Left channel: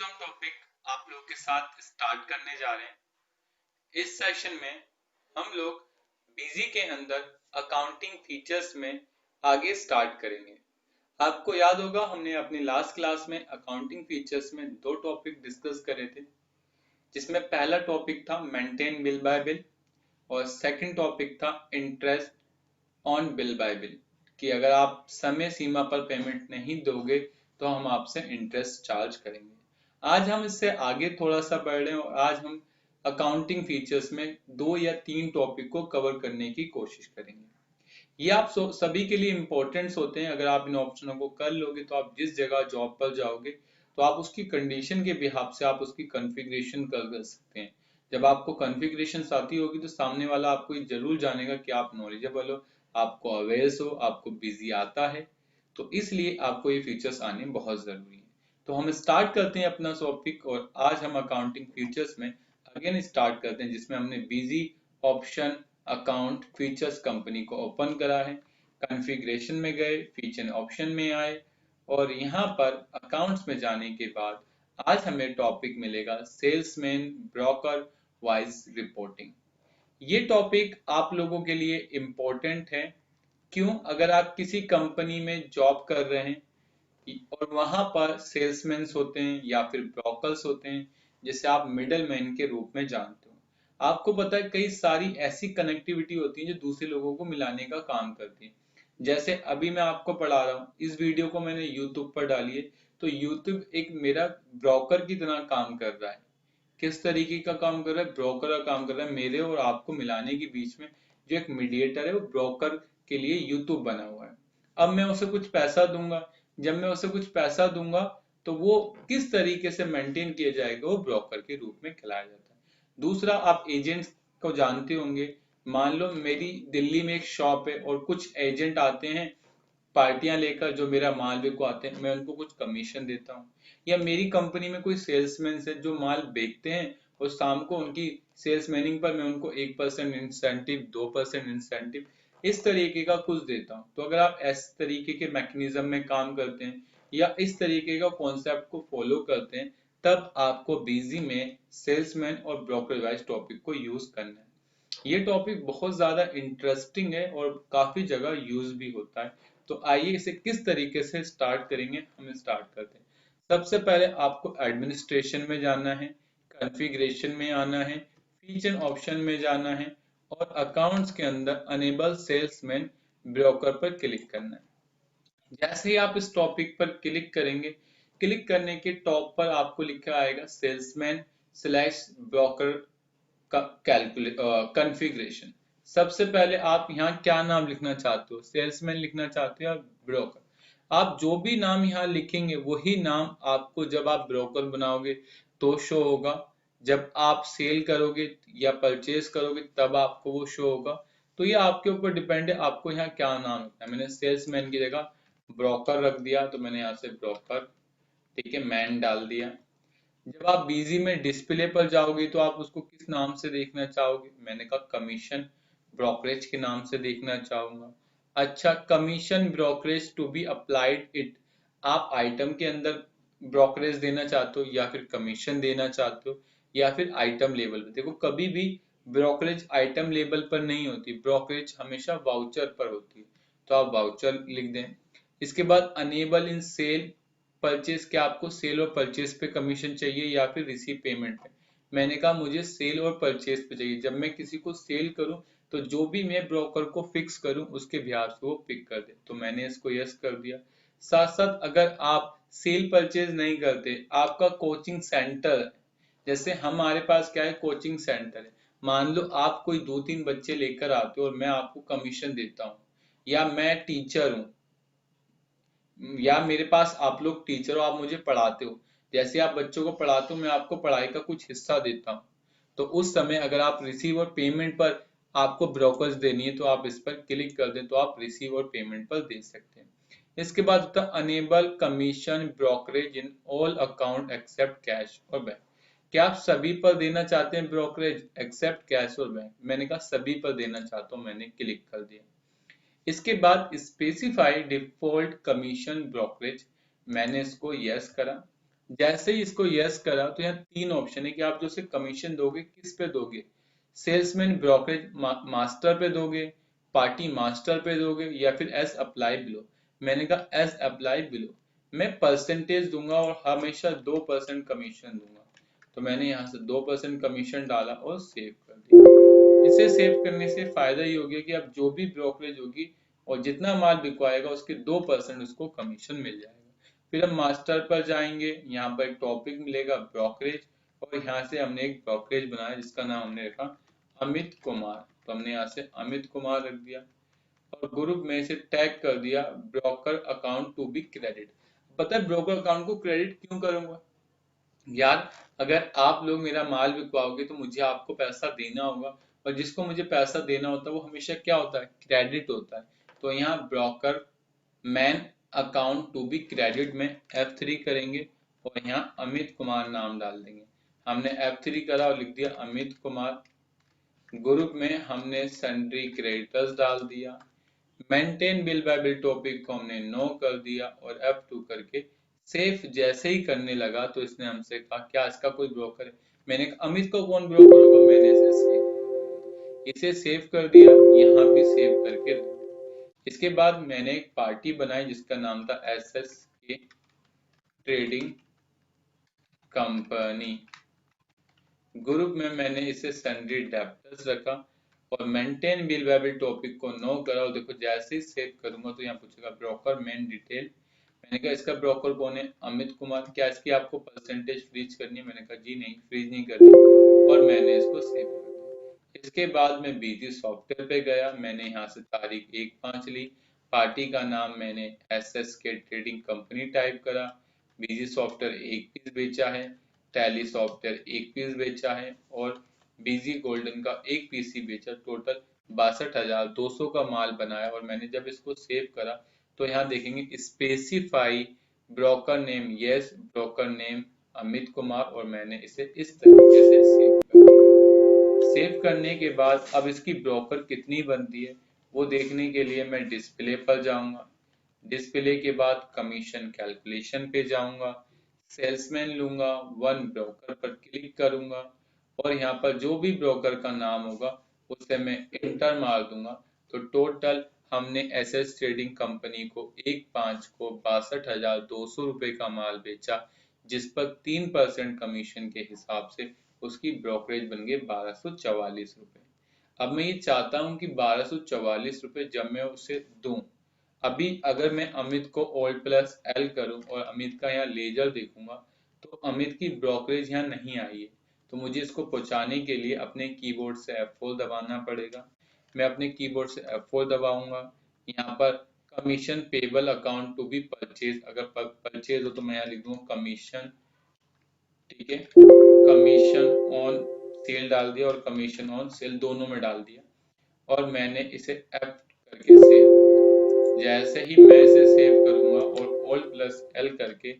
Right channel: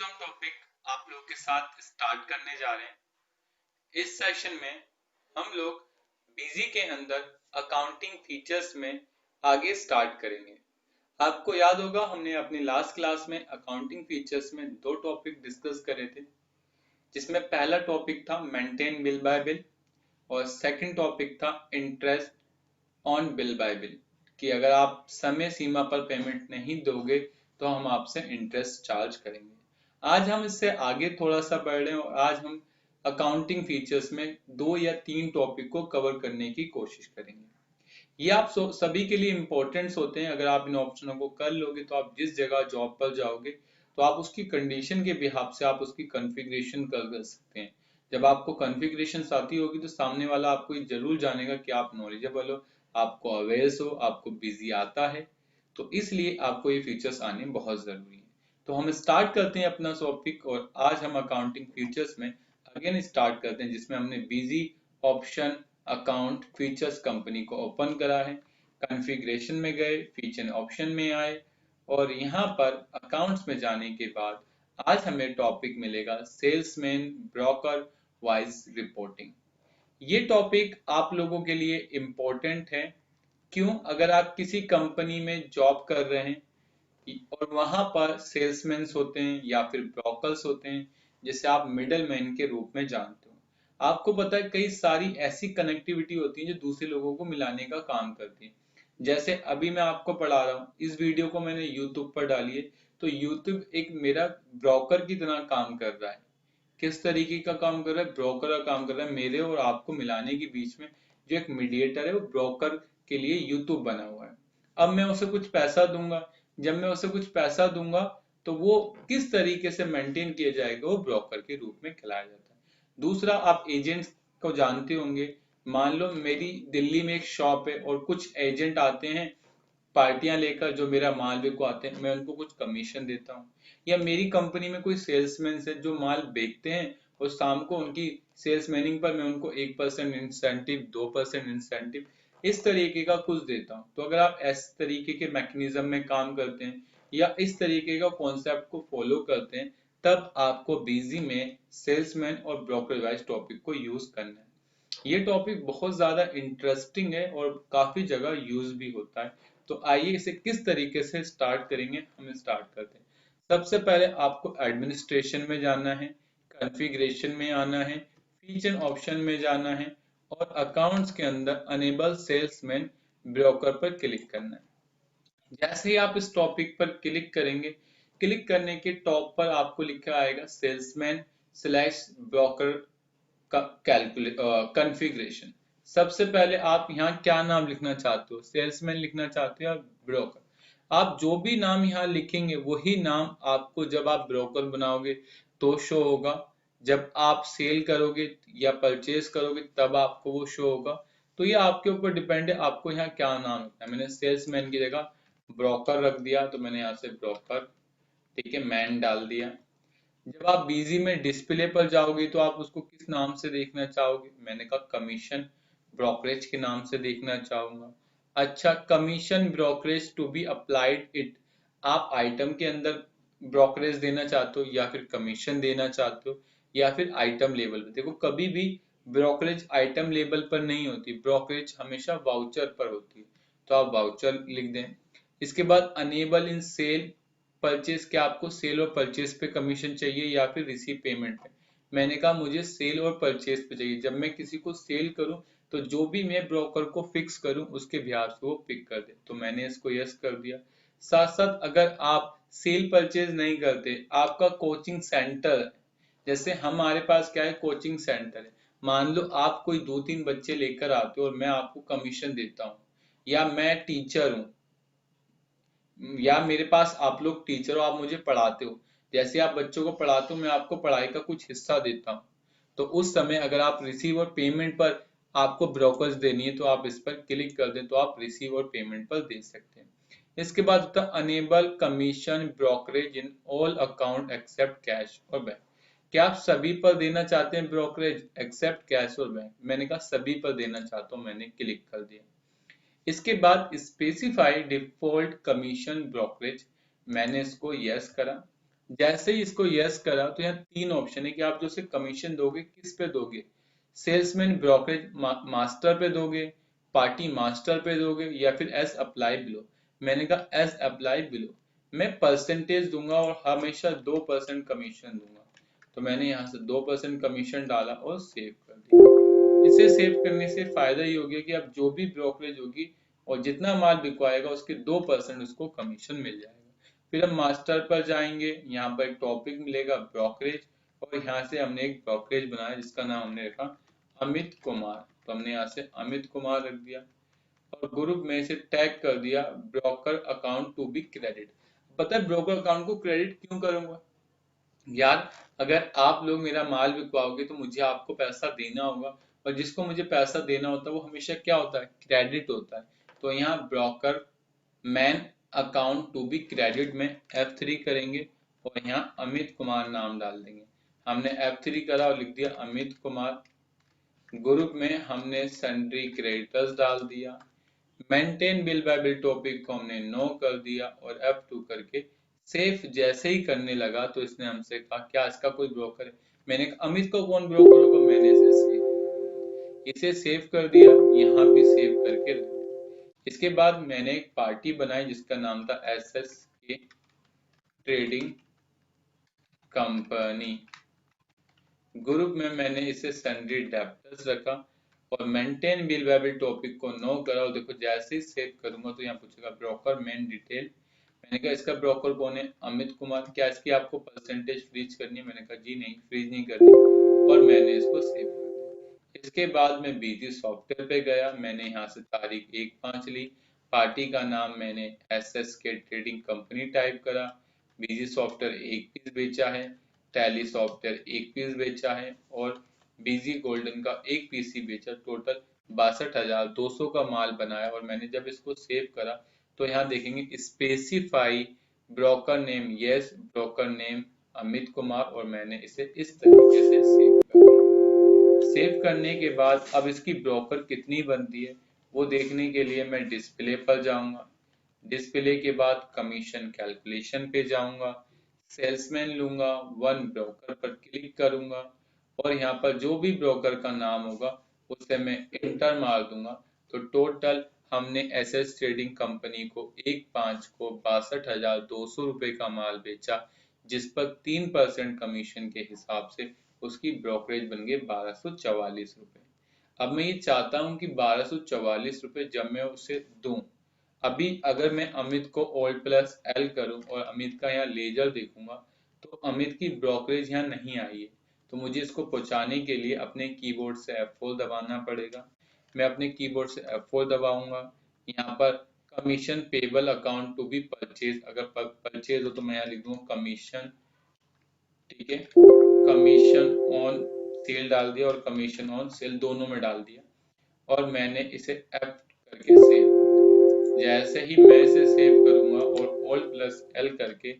जो हम टॉपिक आप लोग के साथ स्टार्ट करने जा रहे हैं, इस सेशन में हम लोग बीजी के अंदर अकाउंटिंग फीचर्स में आगे स्टार्ट करेंगे। आपको याद होगा हमने अपनी लास्ट क्लास में अकाउंटिंग फीचर्स में दो टॉपिक डिस्कस करे थे, जिसमें पहला टॉपिक था मेंटेन बिल बाय बिल और सेकंड टॉपिक था interest on bill bye bill, कि अगर आप समय सीमा पर पेमेंट नहीं दोगे तो हम आपसे इंटरेस्ट चार्ज करेंगे। आज हम इससे आगे थोड़ा सा बढ़ रहे हैं और आज हम अकाउंटिंग फीचर्स में 2 या 3 टॉपिक को कवर करने की कोशिश करेंगे। ये आप सभी के लिए इम्पोर्टेंट्स होते हैं। अगर आप इन ऑप्शनों को कर लोगे तो आप जिस जगह जॉब पर जाओगे तो आप उसकी कंडीशन के बिहाफ से आप उसकी कॉन्फ़िगरेशन कर सकते हैं। जब आपको कॉन्फ़िगरेशन आती होगी तो सामने वाला आपको ये जरूर जानेगा कि आप नॉलेजेबल हो, आपको अवेयर्स हो, आपको बिजी आता है, तो इसलिए आपको ये फीचर्स आने बहुत जरूरी है। तो हम स्टार्ट करते हैं अपना टॉपिक और आज हम अकाउंटिंग फीचर्स में अगेन स्टार्ट करते हैं, जिसमें हमने busy option account features company को ओपन करा है, कॉन्फ़िगरेशन में गए, फीचर ऑप्शन में आए और यहाँ पर अकाउंट्स में जाने के बाद आज हमें टॉपिक मिलेगा सेल्समैन ब्रोकर वाइज रिपोर्टिंग। ये टॉपिक आप लोगों के लिए इम्पोर्टेंट है। क्यों? अगर आप किसी कंपनी में जॉब कर रहे हैं और वहां पर सेल्समैन होते हैं या फिर ब्रोकर्स होते हैं, जिसे आप मिडल मैन के रूप में जानते हो। आपको पता है कई सारी ऐसी कनेक्टिविटी होती है जो दूसरे लोगों को मिलाने का काम करती है। जैसे अभी मैं आपको पढ़ा रहा हूँ, इस वीडियो को मैंने यूट्यूब पर डाली है, तो यूट्यूब एक मेरा ब्रोकर की तरह काम कर रहा है। किस तरीके का काम कर रहा है? ब्रोकर का काम कर रहा है। मेरे और आपको मिलाने के बीच में जो एक मीडिएटर है वो ब्रोकर के लिए यूट्यूब बना हुआ है। अब मैं उसे कुछ पैसा दूंगा, जब मैं उसे कुछ पैसा दूंगा तो वो किस तरीके से मेंटेन किया जाएगा, वो ब्रोकर के रूप में खिलाया जाता है। दूसरा, आप एजेंट्स को जानते होंगे। मान लो मेरी दिल्ली में एक शॉप है और कुछ एजेंट आते हैं पार्टियां लेकर, जो मेरा माल बिको आते हैं, मैं उनको कुछ कमीशन देता हूँ। या मेरी कंपनी में कोई सेल्समैन है जो माल बेचते हैं और शाम को उनकी सेल्स मैनिंग पर मैं उनको 1% इंसेंटिव, 2% इंसेंटिव, इस तरीके का कुछ देता हूँ। तो अगर आप इस तरीके के मैकेनिज्म में काम करते हैं या इस तरीके का कॉन्सेप्ट को फॉलो करते हैं, तब आपको बीजी में सेल्समैन और ब्रोकर वाइज टॉपिक को यूज करना है। ये टॉपिक बहुत ज्यादा इंटरेस्टिंग है और काफी जगह यूज भी होता है। तो आइए इसे किस तरीके से स्टार्ट करेंगे, हम स्टार्ट करते हैं। सबसे पहले आपको एडमिनिस्ट्रेशन में जाना है, कॉन्फ़िगरेशन में आना है, फीचर ऑप्शन में जाना है और अकाउंट्स के अंदर अनेबल सेल्समैन ब्रोकर पर क्लिक करना है। जैसे ही आप इस टॉपिक पर क्लिक करेंगे, क्लिक करने के टॉप पर आपको लिखा आएगा सेल्समैन स्लैश ब्रोकर का कॉन्फ़िगरेशन। सबसे पहले आप यहाँ क्या नाम लिखना चाहते हो? सेल्समैन लिखना चाहते हो या ब्रोकर? आप जो भी नाम यहाँ लिखेंगे वही नाम आपको जब आप ब्रोकर बनाओगे तो शो होगा, जब आप सेल करोगे या परचेज करोगे तब आपको वो शो होगा। तो ये आपके ऊपर डिपेंड है, आपको यहाँ क्या नाम रखना है। मैंने सेल्समैन की जगह ब्रोकर रख दिया, तो मैंने यहाँ से ब्रोकर, ठीक है, मैन डाल दिया। जब आप बीजी में डिस्प्ले पर जाओगे तो आप उसको किस नाम से देखना चाहोगे? मैंने कहा कमीशन ब्रोकरेज के नाम से देखना चाहूंगा। अच्छा, commission brokerage to be applied it, आप आइटम के अंदर ब्रोकरेज देना चाहते हो या फिर कमीशन देना चाहते हो या फिर आइटम लेवल पर? देखो, कभी भी ब्रोकरेज आइटम लेवल पर नहीं होती, ब्रोकरेज हमेशा वाउचर पर होती है, तो आप वाउचर लिख दें। इसके बाद अनेबल इन सेल परचेज, क्या आपको सेल और परचेज पे कमीशन चाहिए या फिर रिसीव पेमेंट पे? मैंने कहा मुझे सेल और परचेज पे चाहिए। जब मैं किसी को सेल करूं तो जो भी मैं ब्रोकर को फिक्स करूं उसके बिहार से वो पिक कर दे, तो मैंने इसको यस कर दिया। साथ साथ अगर आप सेल परचेज नहीं करते, आपका कोचिंग सेंटर है, जैसे हमारे पास क्या है, कोचिंग सेंटर है, मान लो आप कोई 2-3 बच्चे लेकर आते हो और मैं आपको कमीशन देता हूँ, या मैं टीचर हूँ या मेरे पास आप लोग टीचर हो, आप मुझे पढ़ाते हो, जैसे आप बच्चों को पढ़ाते हो मैं आपको पढ़ाई का कुछ हिस्सा देता हूँ, तो उस समय अगर आप रिसीव और पेमेंट पर आपको ब्रोकर्स देनी है तो आप इस पर क्लिक कर दें तो आप रिसीव और पेमेंट पर दे सकते हैं। इसके बाद होता है enable commission brokerage in all account except cash और बैंक। क्या आप सभी पर देना चाहते हैं ब्रोकरेज एक्सेप्ट कैश और बैंक? मैंने कहा सभी पर देना चाहता हूँ, मैंने क्लिक कर दिया। इसके बाद स्पेसिफाई डिफॉल्ट कमीशन ब्रोकरेज, मैंने इसको यस करा। जैसे ही इसको यस करा तो यहाँ तीन ऑप्शन है कि आप जो से कमीशन दोगे किस पे दोगे, सेल्समैन ब्रोकरेज मास्टर पे दोगे, पार्टी मास्टर पे दोगे, या फिर एस अप्लाई बिलो। मैंने कहा एस अप्लाई बिलो, मैं परसेंटेज दूंगा और हमेशा 2% कमीशन दूंगा। तो मैंने यहाँ से 2% कमीशन डाला और सेव कर दिया। इसे सेव करने से फायदा ये हो गया कि अब जो भी ब्रोकरेज होगी और जितना माल बिकवाएगा उसके 2% उसको कमीशन मिल जाएगा। फिर हम मास्टर पर जाएंगे, यहाँ पर एक टॉपिक मिलेगा ब्रोकरेज, और यहाँ से हमने एक ब्रोकरेज बनाया जिसका नाम हमने रखा अमित कुमार। तो हमने यहाँ से अमित कुमार रख दिया और ग्रुप में से टैग कर दिया broker account to be credit. पता है ब्रोकर अकाउंट को क्रेडिट क्यों करूंगा यार? अगर आप लोग मेरा माल बिकवाओगे तो मुझे आपको पैसा देना होगा, और जिसको मुझे पैसा देना होता है वो हमेशा क्या होता है, क्रेडिट होता है। तो यहाँ broker main account to be credit में F3 करेंगे और यहाँ अमित कुमार नाम डाल देंगे। हमने F3 करा और लिख दिया अमित कुमार। ग्रुप में हमने सन्ड्री क्रेडिटर्स डाल दिया। Maintain bill bye bill topic को हमने नो कर दिया और F2 करके सेफ जैसे ही करने लगा तो इसने हमसे कहा क्या इसका कोई ब्रोकर है। मैंने कहा अमित को कौन ब्रोकर होगा, मैंने इसे सेव कर दिया, यहाँ भी सेव करके रख दिया। इसके बाद मैंने एक पार्टी बनाई जिसका नाम था SSK ट्रेडिंग कंपनी। ग्रुप में मैंने इसे सन्ड्री डेप्टर्स रखा और maintain bill bye bill topic को नो करा। और देखो जैसे ही सेव करूंगा तो यहाँ पूछेगा ब्रोकर मेन डिटेल। मैंने कहा इसका ब्रोकर कौन है, अमित कुमार। क्या इसकी आपको परसेंटेज फ्रीज करनी है, मैंने कहा जी नहीं फ्रीज नहीं करनी, और मैंने इसको सेव कर दिया। इसके बाद मैं बीजी सॉफ्टवेयर पे गया, मैंने यहाँ से तारीख 1/5 ली, पार्टी का नाम मैंने SSK ट्रेडिंग कंपनी टाइप करा, बीजी सॉफ्टवेयर 1 पीस बेचा है, टैली सॉफ्टवेयर 1 पीस बेचा है, और बीजी गोल्डन का 1 पीस ही बेचा। टोटल 62,200 का माल बनाया। और मैंने जब इसको सेव करा तो यहाँ देखेंगे specify broker name, yes broker name Amit Kumar, और मैंने इसे इस तरीके से सेव कर दिया। सेव करने के बाद अब इसकी ब्रोकर कितनी बनती है वो देखने के लिए मैं डिस्प्ले पर जाऊंगा। डिस्प्ले के बाद कमीशन कैलकुलेशन पे जाऊंगा, सेल्समैन लूंगा, वन ब्रोकर पर क्लिक करूंगा और यहाँ पर जो भी ब्रोकर का नाम होगा उसे मैं इंटर मार दूंगा। तो टोटल हमने SS ट्रेडिंग कंपनी को 1/5 को 62,200 रुपए का माल बेचा, जिस पर 3% कमीशन के हिसाब से उसकी ब्रोकरेज बन गई 1244 रुपए। अब मैं ये चाहता हूँ कि 1244 रुपए जब मैं उसे दूं, अभी अगर मैं अमित को Alt+L करूं और अमित का यहाँ लेजर देखूंगा तो अमित की ब्रोकरेज यहाँ नहीं आई है। तो मुझे इसको पहुंचाने के लिए अपने कीबोर्ड से F4 दबाना पड़ेगा। मैं अपने कीबोर्ड से F4 दबाऊंगा। यहाँ पर commission payable account to be purchase, अगर परचेज हो तो मैं यहाँ लिख दूंगा कमीशन, ठीक है, कमीशन ऑन सेल डाल दिया और कमीशन ऑन सेल दोनों में डाल दिया और मैंने इसे F करके सेव। जैसे ही मैं इसे सेव करूंगा और Alt+L करके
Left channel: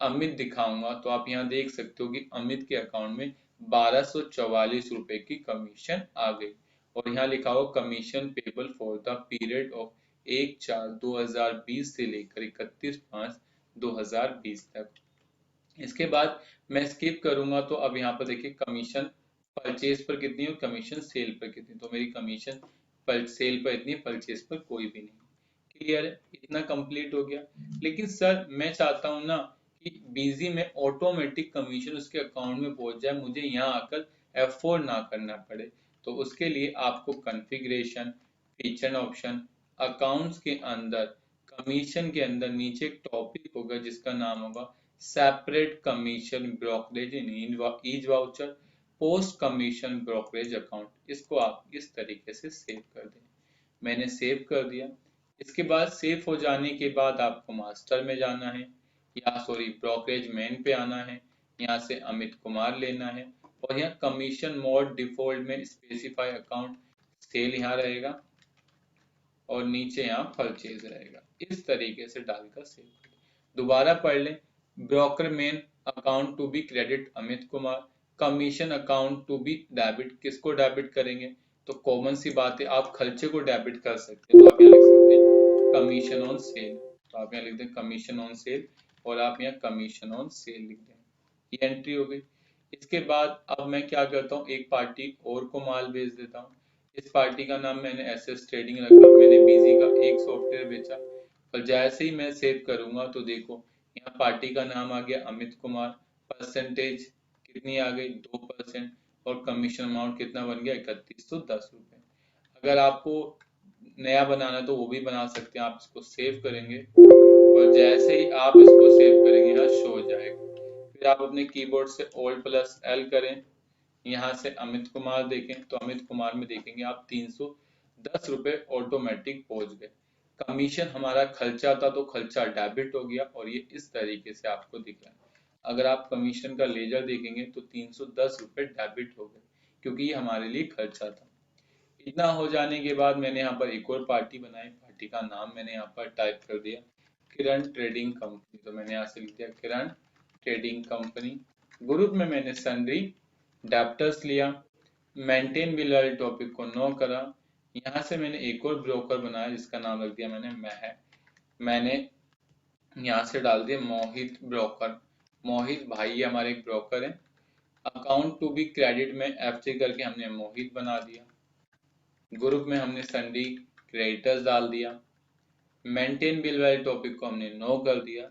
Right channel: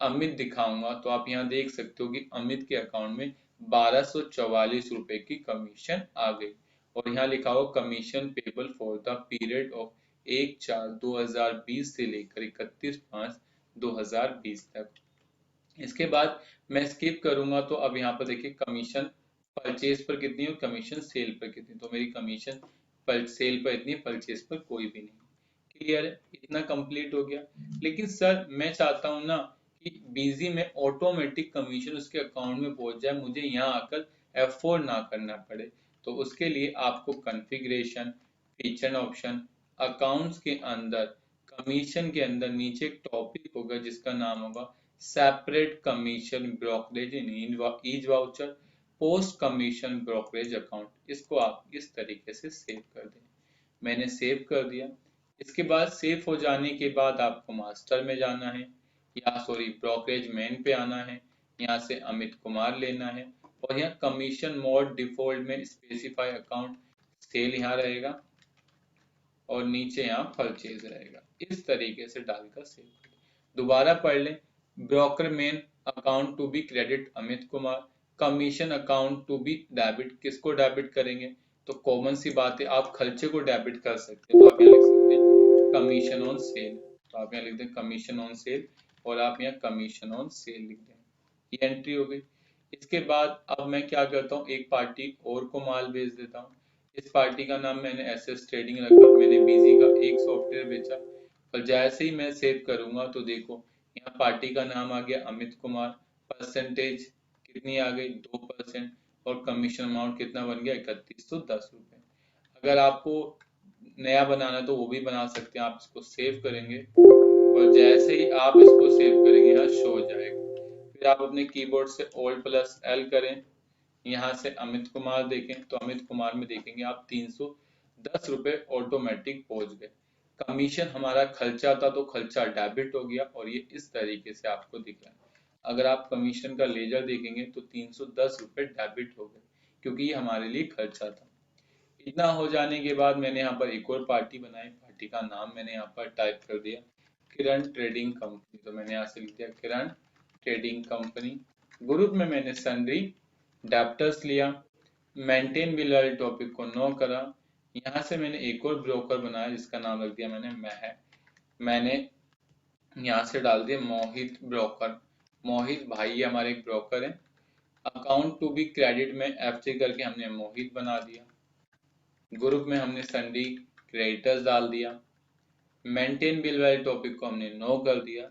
अमित दिखाऊंगा तो आप यहाँ देख सकते हो कि अमित के अकाउंट में 1244 रुपए की कमीशन आ गई। और यहाँ लिखा हो commission payable for the period of 1/4/2020 से लेकर 31/5/2020 तक। इसके बाद मैं स्किप करूंगा तो अब यहाँ पर देखिए कमीशन परचेज पर कितनी है और कमीशन सेल पर कितनी। तो मेरी कमीशन पर सेल पर इतनी, परचेज पर कोई भी नहीं। क्लियर है, इतना कंप्लीट हो गया। लेकिन सर मैं चाहता हूँ ना कि बीजी में ऑटोमेटिक कमीशन उसके अकाउंट में पहुंच जाए, मुझे यहाँ आकर F4 ना करना पड़े। तो उसके लिए आपको कॉन्फ़िगरेशन, फीचर ऑप्शन, अकाउंट्स के अंदर कमीशन के अंदर नीचे एक टॉपिक होगा जिसका नाम होगा separate commission brokerage in each voucher post commission brokerage account. इसको आप इस तरीके से सेव कर दें। मैंने सेव कर दिया। इसके बाद सेव हो जाने के बाद आपको मास्टर में जाना है, या सॉरी ब्रोकरेज मेन पे आना है, यहाँ से अमित कुमार लेना है और यहाँ कमीशन मोड डिफॉल्ट में स्पेसिफाई अकाउंट सेल यहाँ रहेगा और नीचे यहाँ परचेज रहेगा। इस तरीके से डालकर सेव कर। दोबारा पढ़ लें, broker main account to be credit Amit Kumar, commission account to be debit, किसको डेबिट करेंगे? तो कॉमन सी बात है, आप खर्चे को डेबिट कर सकते हैं। तो आप यहाँ लिख सकते हैं कमीशन ऑन सेल, तो आप यहाँ लिख दें कमीशन ऑन सेल और आप यहाँ कमीशन ऑन सेल लिख दें। ये एंट्री हो गई। इसके बाद अब मैं क्या करता हूँ, एक पार्टी और को माल भेज देता हूँ। इस पार्टी का नाम मैंने एसएस ट्रेडिंग रखा, मैंने बीजी का एक सॉफ्टवेयर बेचा। और जैसे ही मैं सेव करूंगा तो देखो यहाँ पार्टी का नाम आ गया अमित कुमार, परसेंटेज कितनी आ गई 2%, और कमीशन अमाउंट कितना बन गया 3110 रुपये। अगर आपको नया बनाना है तो वो भी बना सकते हैं। आप इसको सेव करेंगे और जैसे ही आप इसको सेव करेंगे यहाँ शो हो जाएगा। फिर आप अपने कीबोर्ड से Alt+L करें, यहाँ से अमित कुमार देखें तो अमित कुमार में देखेंगे आप 310 रुपये ऑटोमेटिक पहुंच गए। कमीशन हमारा खर्चा था तो खर्चा डेबिट हो गया और ये इस तरीके से आपको दिख रहा है। अगर आप कमीशन का लेजर देखेंगे तो 310 रुपये डेबिट हो गए क्योंकि ये हमारे लिए खर्चा था। इतना हो जाने के बाद मैंने यहाँ पर एक और पार्टी बनाई। पार्टी का नाम मैंने यहाँ पर टाइप कर दिया किरण ट्रेडिंग कंपनी। तो मैंने यहाँ से लिख दिया किरण ट्रेडिंग कंपनी। ग्रुप में मैंने सन्ड्री डेप्टर्स लिया, मेंटेन बिल वाले टॉपिक को नो करा। यहाँ से मैंने एक और ब्रोकर बनाया जिसका नाम रख दिया मैंने यहाँ से डाल दिया मोहित ब्रोकर। मोहित भाई हमारे एक ब्रोकर है। अकाउंट टू बी क्रेडिट में F3 करके हमने मोहित बना दिया। ग्रुप में हमने सन्ड्री क्रेडिटर्स डाल दिया। मेंटेन बिल वाले टॉपिक को हमने नो कर दिया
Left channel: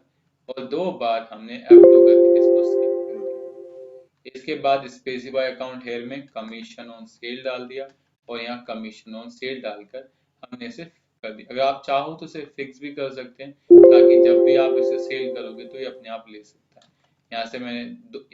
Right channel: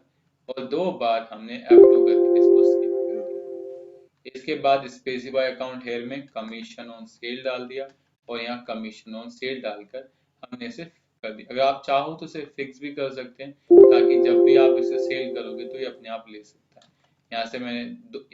और 2 बार हमने F2 करके इसको सेव कर दिया। इसके बाद स्पेसिफाई अकाउंट हेयर में कमीशन ऑन सेल डाल दिया और यहाँ कमीशन ऑन सेल डालकर हमने इसे कर दिया। अगर आप चाहो तो इसे फिक्स भी कर सकते हैं ताकि जब भी आप इसे सेल करोगे तो ये अपने आप ले सकता है। यहाँ से मैंने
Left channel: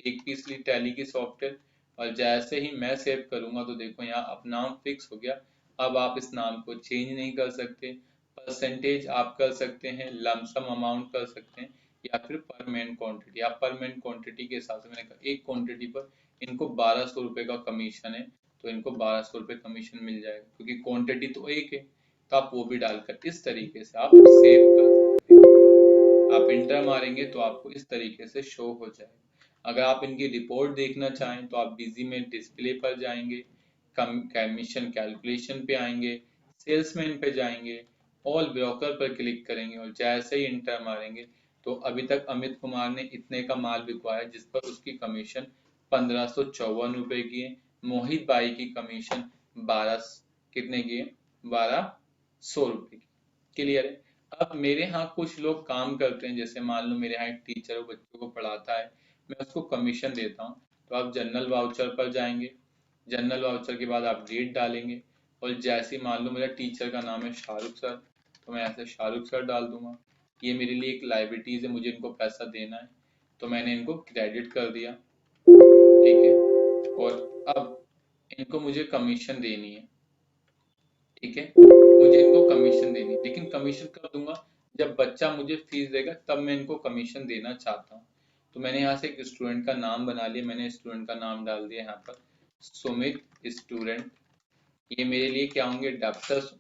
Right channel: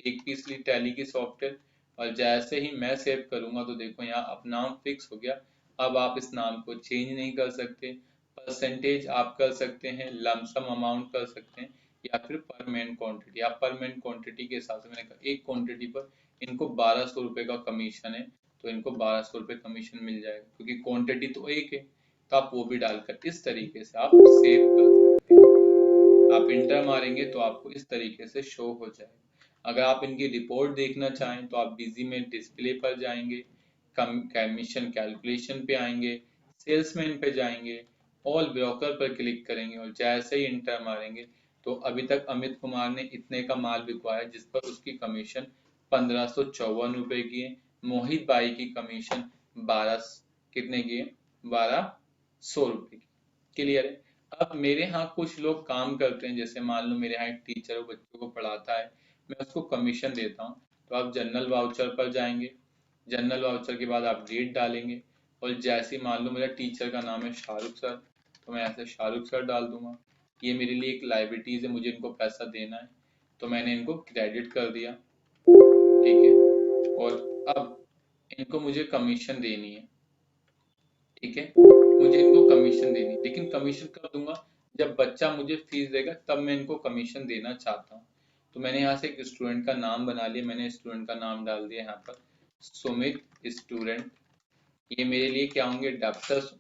एक पीस ली टैली की सॉफ्टवेयर और जैसे ही मैं सेव करूंगा तो देखो यहाँ अब नाम फिक्स हो गया। अब आप इस नाम को चेंज नहीं कर सकते। परसेंटेज आप कर सकते हैं, लमसम अमाउंट कर सकते हैं या फिर पर मैन क्वांटिटी। आप पर मैन क्वांटिटी के हिसाब से मैंने कहा एक क्वांटिटी पर इनको 1200 रुपये का कमीशन है तो इनको 1200 रुपये कमीशन मिल जाएगा क्योंकि क्वांटिटी तो एक है। तो आप वो भी डालकर इस तरीके से आप सेव कर सकते हैं। आप इंटर मारेंगे तो आपको इस तरीके से शो हो जाएगा। अगर आप इनकी रिपोर्ट देखना चाहें तो आप बिजी में डिस्प्ले पर जाएंगे, कमीशन कैलकुलेशन पे आएंगे, सेल्समैन पे जाएंगे, ऑल ब्रोकर पर क्लिक करेंगे और जैसे ही इंटर मारेंगे तो अभी तक अमित कुमार ने इतने का माल बिकवाया जिस पर उसकी कमीशन 1554 रुपए की है। मोहित भाई की कमीशन 12 कितने की है 1200 रुपए की। क्लियर है। अब मेरे यहाँ कुछ लोग काम करते हैं, जैसे मान लो मेरे यहाँ एक टीचर वो बच्चों को पढ़ाता है, मैं उसको कमीशन देता हूँ। तो आप जनरल वाउचर पर जाएंगे, जनरल वाउचर के बाद आप डेट डालेंगे और जैसे मान लो मेरा टीचर का नाम है शाहरुख सर तो मैं ऐसे शाहरुख सर डाल दूंगा। ये मेरे लिए एक लाइबिलिटीज है, मुझे इनको पैसा देना है तो मैंने इनको क्रेडिट कर दिया। ठीक है। और अब इनको मुझे कमीशन देनी है। ठीक है, मुझे इनको कमीशन देनी है लेकिन कमीशन कब दूंगा जब बच्चा मुझे फीस देगा तब मैं इनको कमीशन देना चाहता हूँ। तो मैंने यहाँ से एक स्टूडेंट का नाम बना लिया, मैंने स्टूडेंट का नाम डाल दिया यहाँ पर सुमित स्टूडेंट। ये मेरे लिए क्या होंगे डेप्टर्स।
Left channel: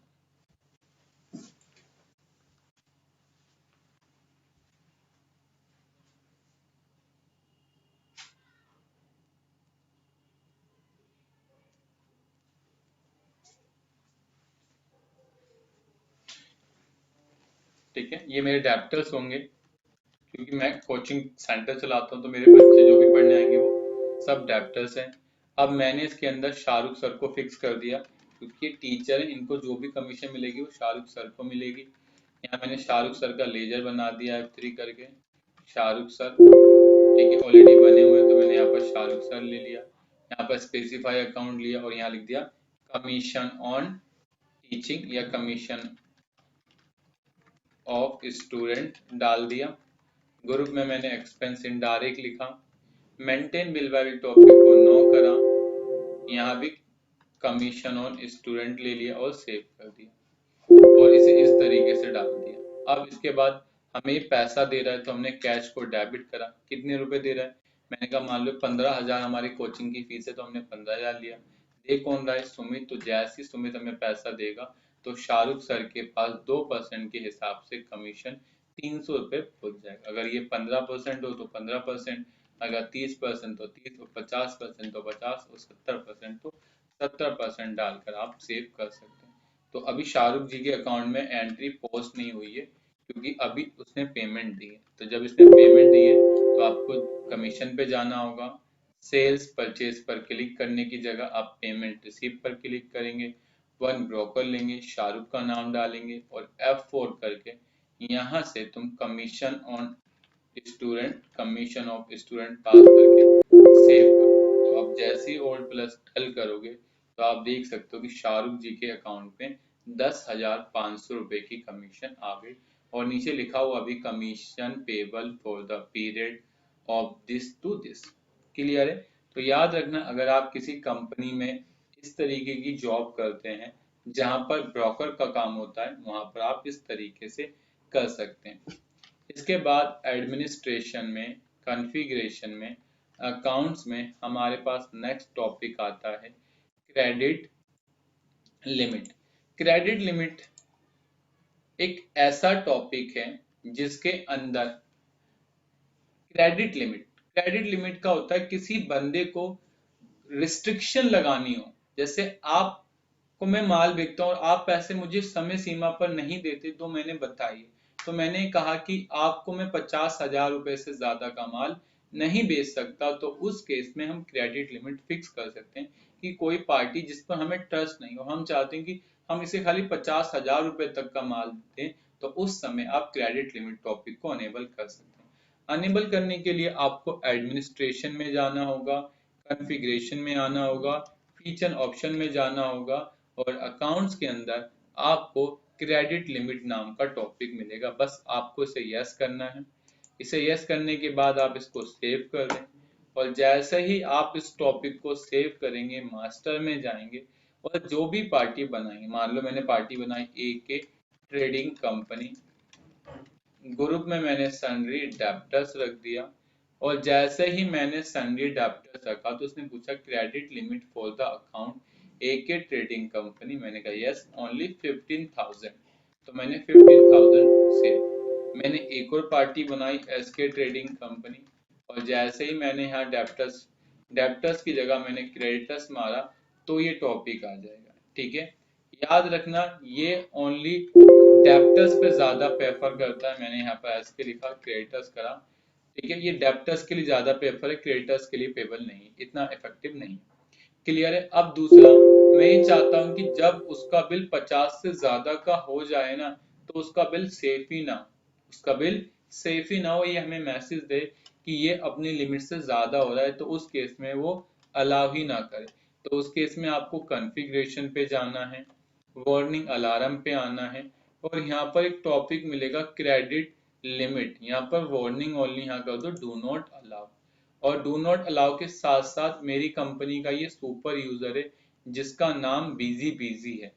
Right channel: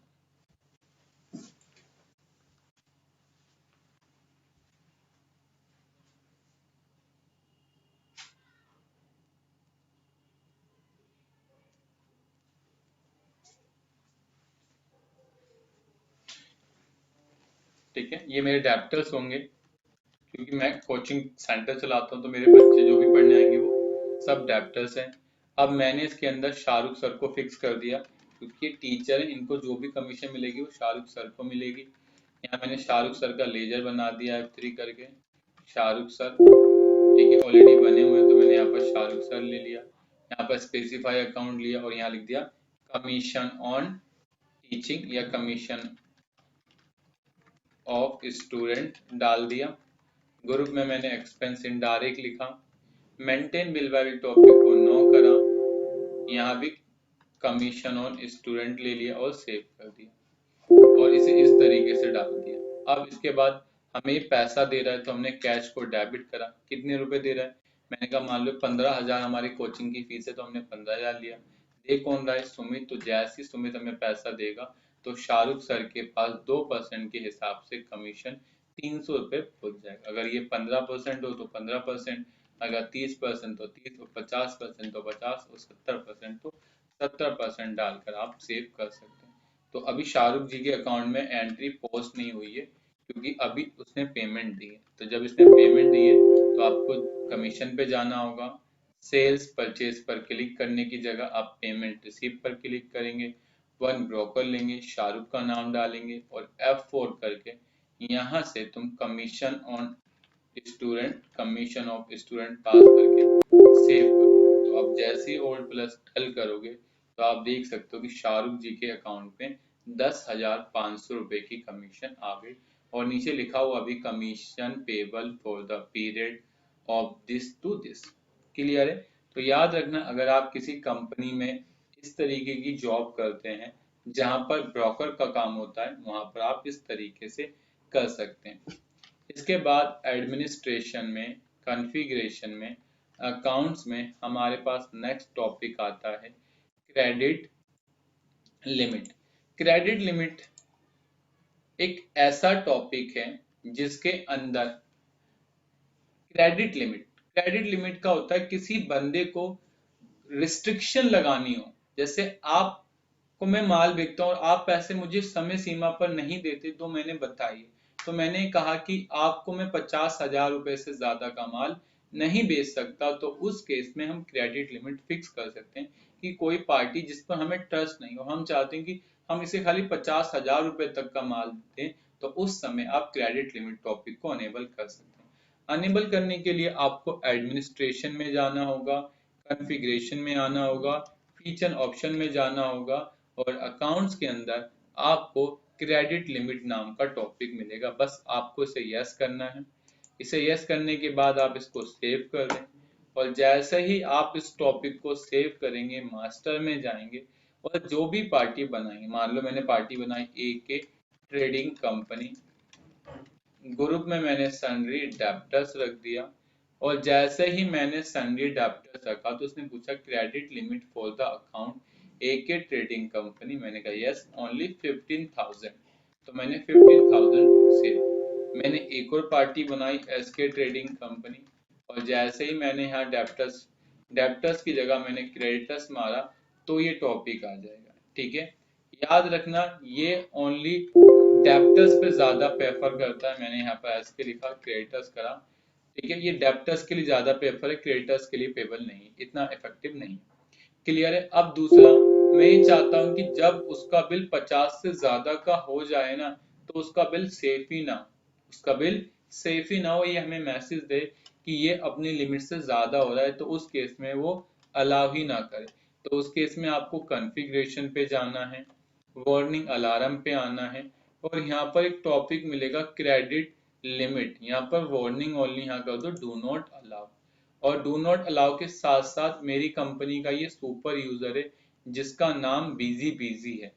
ठीक है, ये मेरे डेप्टर्स होंगे क्योंकि मैं कोचिंग सेंटर चलाता हूँ तो मेरे बच्चे जो भी पढ़ने आएंगे वो सब डेप्टर्स हैं। अब मैंने इसके अंदर शाहरुख सर को फिक्स कर दिया क्योंकि टीचर है, इनको जो भी कमीशन मिलेगी वो शाहरुख सर को मिलेगी। यहाँ मैंने शाहरुख सर का लेजर बना दिया F3 करके शाहरुख सर। ठीक है, ऑलरेडी बने हुए हैं तो मैंने यहाँ पर शाहरुख सर ले लिया। यहाँ पर स्पेसिफाई अकाउंट लिया और यहाँ लिख दिया कमीशन ऑन टीचिंग या कमीशन ऑफ स्टूडेंट डाल दिया। ग्रुप में मैंने एक्सपेंस इनडायरेक्ट लिखा, मेंटेन बिल वाले टॉपिक को नो करा, यहाँ भी कमीशन ऑन स्टूडेंट ले लिया और सेव कर दिया और इसे इस तरीके से डाल दिया। अब इसके बाद हमें पैसा दे रहा है तो हमने कैश को डेबिट करा। कितने रुपए दे रहा है, मैंने कहा मान लो 15,000 हमारी कोचिंग की फीस है तो हमने 15,000 लिया। दे कौन रहा है सुमित, तो जैसे ही सुमित हमें पैसा देगा तो शाहरुख सर के पास 2% के हिसाब से कमीशन 300 रुपये पहुंच जाएगा। अगर ये 15% हो तो 15%, अगर 30% तो 30, और 50% तो 50, और 70% तो 70% डालकर आप सेव कर सकते हैं। तो अभी शाहरुख जी के अकाउंट में एंट्री पोस्ट नहीं हुई है क्योंकि अभी उसने पेमेंट दी है। तो जब इसने पेमेंट दी है तो आपको कमीशन पे जाना होगा। सेल्स परचेज पर क्लिक करने की जगह आप पेमेंट रिसीव पर क्लिक करेंगे। वन ब्रोकर लेंगे, शाहरुख का नाम डालेंगे और F4 करके यहाँ से तुम commission on student, commission of student पास करके सेव करो। तो आप जैसे ही Alt+L करोगे तो आप देख सकते हो कि शाहरुख जी के अकाउंट में 10,500 रुपए की कमीशन आ गई और नीचे लिखा हुआ भी commission payable for the period of this to this. Clear है? तो याद रखना, अगर आप किसी कंपनी में इस तरीके की जॉब करते हैं जहां पर ब्रोकर का काम होता है, वहां पर आप इस तरीके से कर सकते हैं। इसके बाद एडमिनिस्ट्रेशन में, कॉन्फ़िगरेशन में, अकाउंट्स में हमारे पास नेक्स्ट टॉपिक आता है क्रेडिट लिमिट। क्रेडिट लिमिट एक ऐसा टॉपिक है जिसके अंदर क्रेडिट लिमिट का होता है किसी बंदे को रिस्ट्रिक्शन लगानी हो। जैसे आपको मैं माल बेचता हूँ और आप पैसे मुझे समय सीमा पर नहीं देते, तो मैंने बताई, तो मैंने कहा कि आपको मैं 50,000 रुपए से ज्यादा का माल नहीं बेच सकता। तो उस केस में हम क्रेडिट लिमिट फिक्स कर सकते हैं कि कोई पार्टी जिस पर हमें ट्रस्ट नहीं हो, हम चाहते हैं कि हम इसे खाली 50,000 रुपए तक का माल दें, तो उस समय आप क्रेडिट लिमिट टॉपिक को अनेबल कर सकते हैं। अनेबल करने के लिए आपको एडमिनिस्ट्रेशन में जाना होगा, कॉन्फ़िगरेशन में आना होगा, फीचर ऑप्शन में जाना होगा और अकाउंट्स के अंदर आपको क्रेडिट लिमिट नाम का टॉपिक मिलेगा। बस आपको इसे यस करना है। इसे यस करने के बाद आप इसको सेव कर दें और जैसे ही आप इस टॉपिक को सेव करेंगे, मास्टर में जाएंगे और जो भी पार्टी बनाएंगे, मान लो मैंने पार्टी बनाई AK ट्रेडिंग कंपनी, ग्रुप में मैंने सन्ड्री डेब्टर्स रख दिया और जैसे ही मैंने सन्ड्री डेब्टर्स रखा तो उसने पूछा credit limit for the account AK trading company. मैंने कहा यस, ओनली 15,000। तो मैंने 15,000 सेव। मैंने एक और पार्टी बनाई SK ट्रेडिंग कंपनी और जैसे ही मैंने यहाँ डेब्टर्स की जगह मैंने क्रेडिटर्स मारा तो ये टॉपिक आ जाएगा। ठीक है, याद रखना ये ओनली डेब्टर्स पे ज्यादा प्रेफर करता है। मैंने यहाँ पर एस के लिखा, क्रेडिटर्स करा। ठीक है, ये डेब्टर्स के लिए ज्यादा प्रेफर है, क्रेडिटर्स के लिए पेबल नहीं, इतना इफेक्टिव नहीं। क्लियर है? अब दूसरा, मैं ये चाहता हूँ कि जब उसका बिल 50 से ज्यादा का हो जाए ना, तो उसका बिल सेफ ही ना, उसका बिल सेफ ही ना हो, ये हमें मैसेज दे कि ये अपनी लिमिट से ज्यादा हो रहा है, तो उस केस में वो अलाउ ही ना करे। तो उस केस में आपको कॉन्फ़िगरेशन पे जाना है, वार्निंग अलार्म पे आना है और यहाँ पर एक टॉपिक मिलेगा क्रेडिट लिमिट। यहाँ पर वार्निंग ओनली यहाँ कर दो डू नॉट अलाउ। और डू नॉट अलाउ के साथ साथ मेरी कंपनी का ये सुपर यूजर है जिसका नाम बिजी है,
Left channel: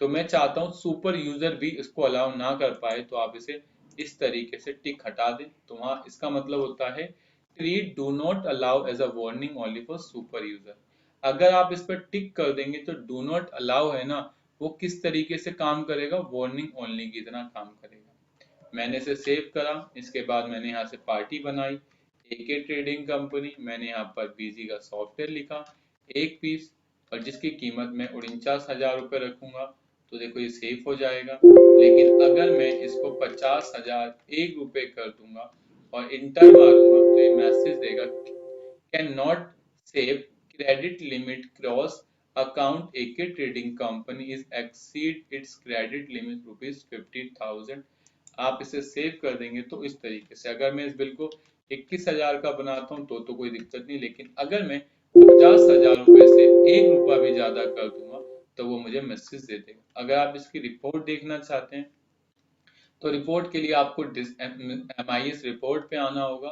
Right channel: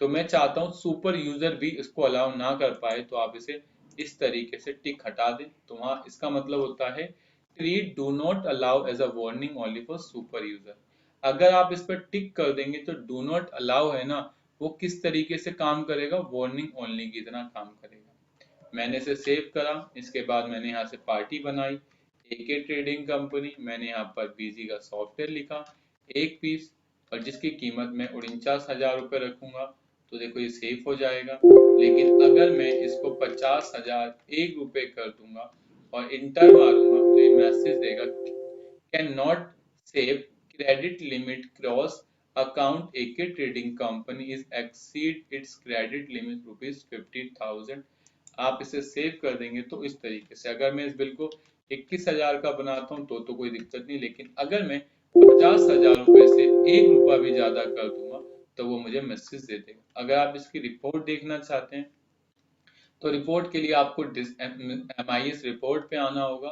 तो मैं चाहता हूँ सुपर यूजर भी इसको अलाउ ना कर पाए, तो आप इसे इस तरीके से टिक हटा दें। तो वहां इसका मतलब होता है treat do not allow as a warning only for super user. अगर आप इस पर टिक कर देंगे तो डू नॉट अलाउ है ना, वो किस तरीके से काम करेगा, वार्निंग ओनली की तरह काम करेगा। मैंने इसे सेव करा, इसके बाद मैंने यहाँ से पार्टी बनाई AK ट्रेडिंग कंपनी, मैंने यहाँ पर बीजी का सॉफ्टवेयर लिखा एक पीस और जिसकी कीमत मैं 49,000 रुपये रखूंगा। तो देखो ये सेफ हो जाएगा। लेकिन अगर मैं इसको 50,001 रुपये कर दूंगा और इंटर मारूंगा तो ये मैसेज देगा can not save, credit limit cross, account AK trading company is exceed it's credit limit ₹50,000। आप इसे सेव कर देंगे तो इस तरीके से, अगर मैं इस बिल को 21,000 का बनाता हूँ तो कोई दिक्कत नहीं, लेकिन अगर मैं 50,000 रुपए से 1 रुपया भी ज्यादा कर दूंगा तो वो मुझे मैसेज दे देगा। अगर आप इसकी रिपोर्ट देखना चाहते हैं तो रिपोर्ट के लिए आपको MIS रिपोर्ट पे आना होगा।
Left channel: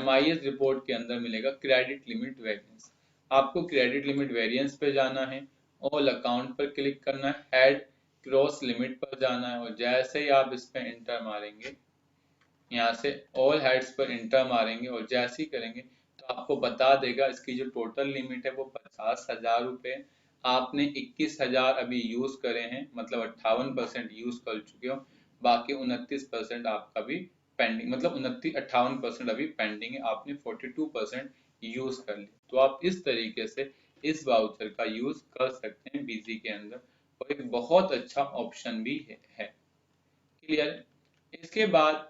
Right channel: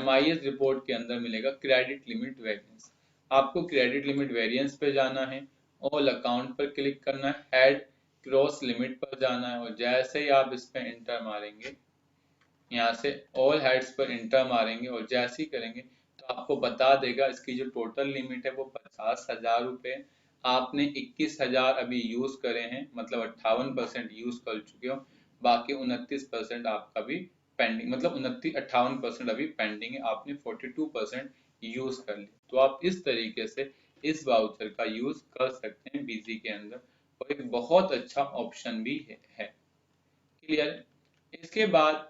MIS रिपोर्ट के अंदर मिलेगा क्रेडिट लिमिट वेरिएंस। आपको क्रेडिट लिमिट वेरिएंस पे जाना है, ऑल अकाउंट पर क्लिक करना है, हेड क्रॉस लिमिट पर जाना है और जैसे ही आप इस पे इंटर मारेंगे, यहाँ से ऑल हेड्स पर इंटर मारेंगे और जैसे ही करेंगे तो आपको बता देगा इसकी जो टोटल लिमिट है वो 50,000 रुपये। आपने 21,000 अभी यूज करे हैं, मतलब 58% यूज कर चुके हो, बाकी 29% आपका भी पेंडिंग, मतलब 58% अभी पेंडिंग है, आपने 42% यूज कर लिया। तो आप इस तरीके से इस वाउचर का यूज कर सकते हैं बीजी के अंदर और एक बहुत अच्छा ऑप्शन भी है। क्लियर? इसके बाद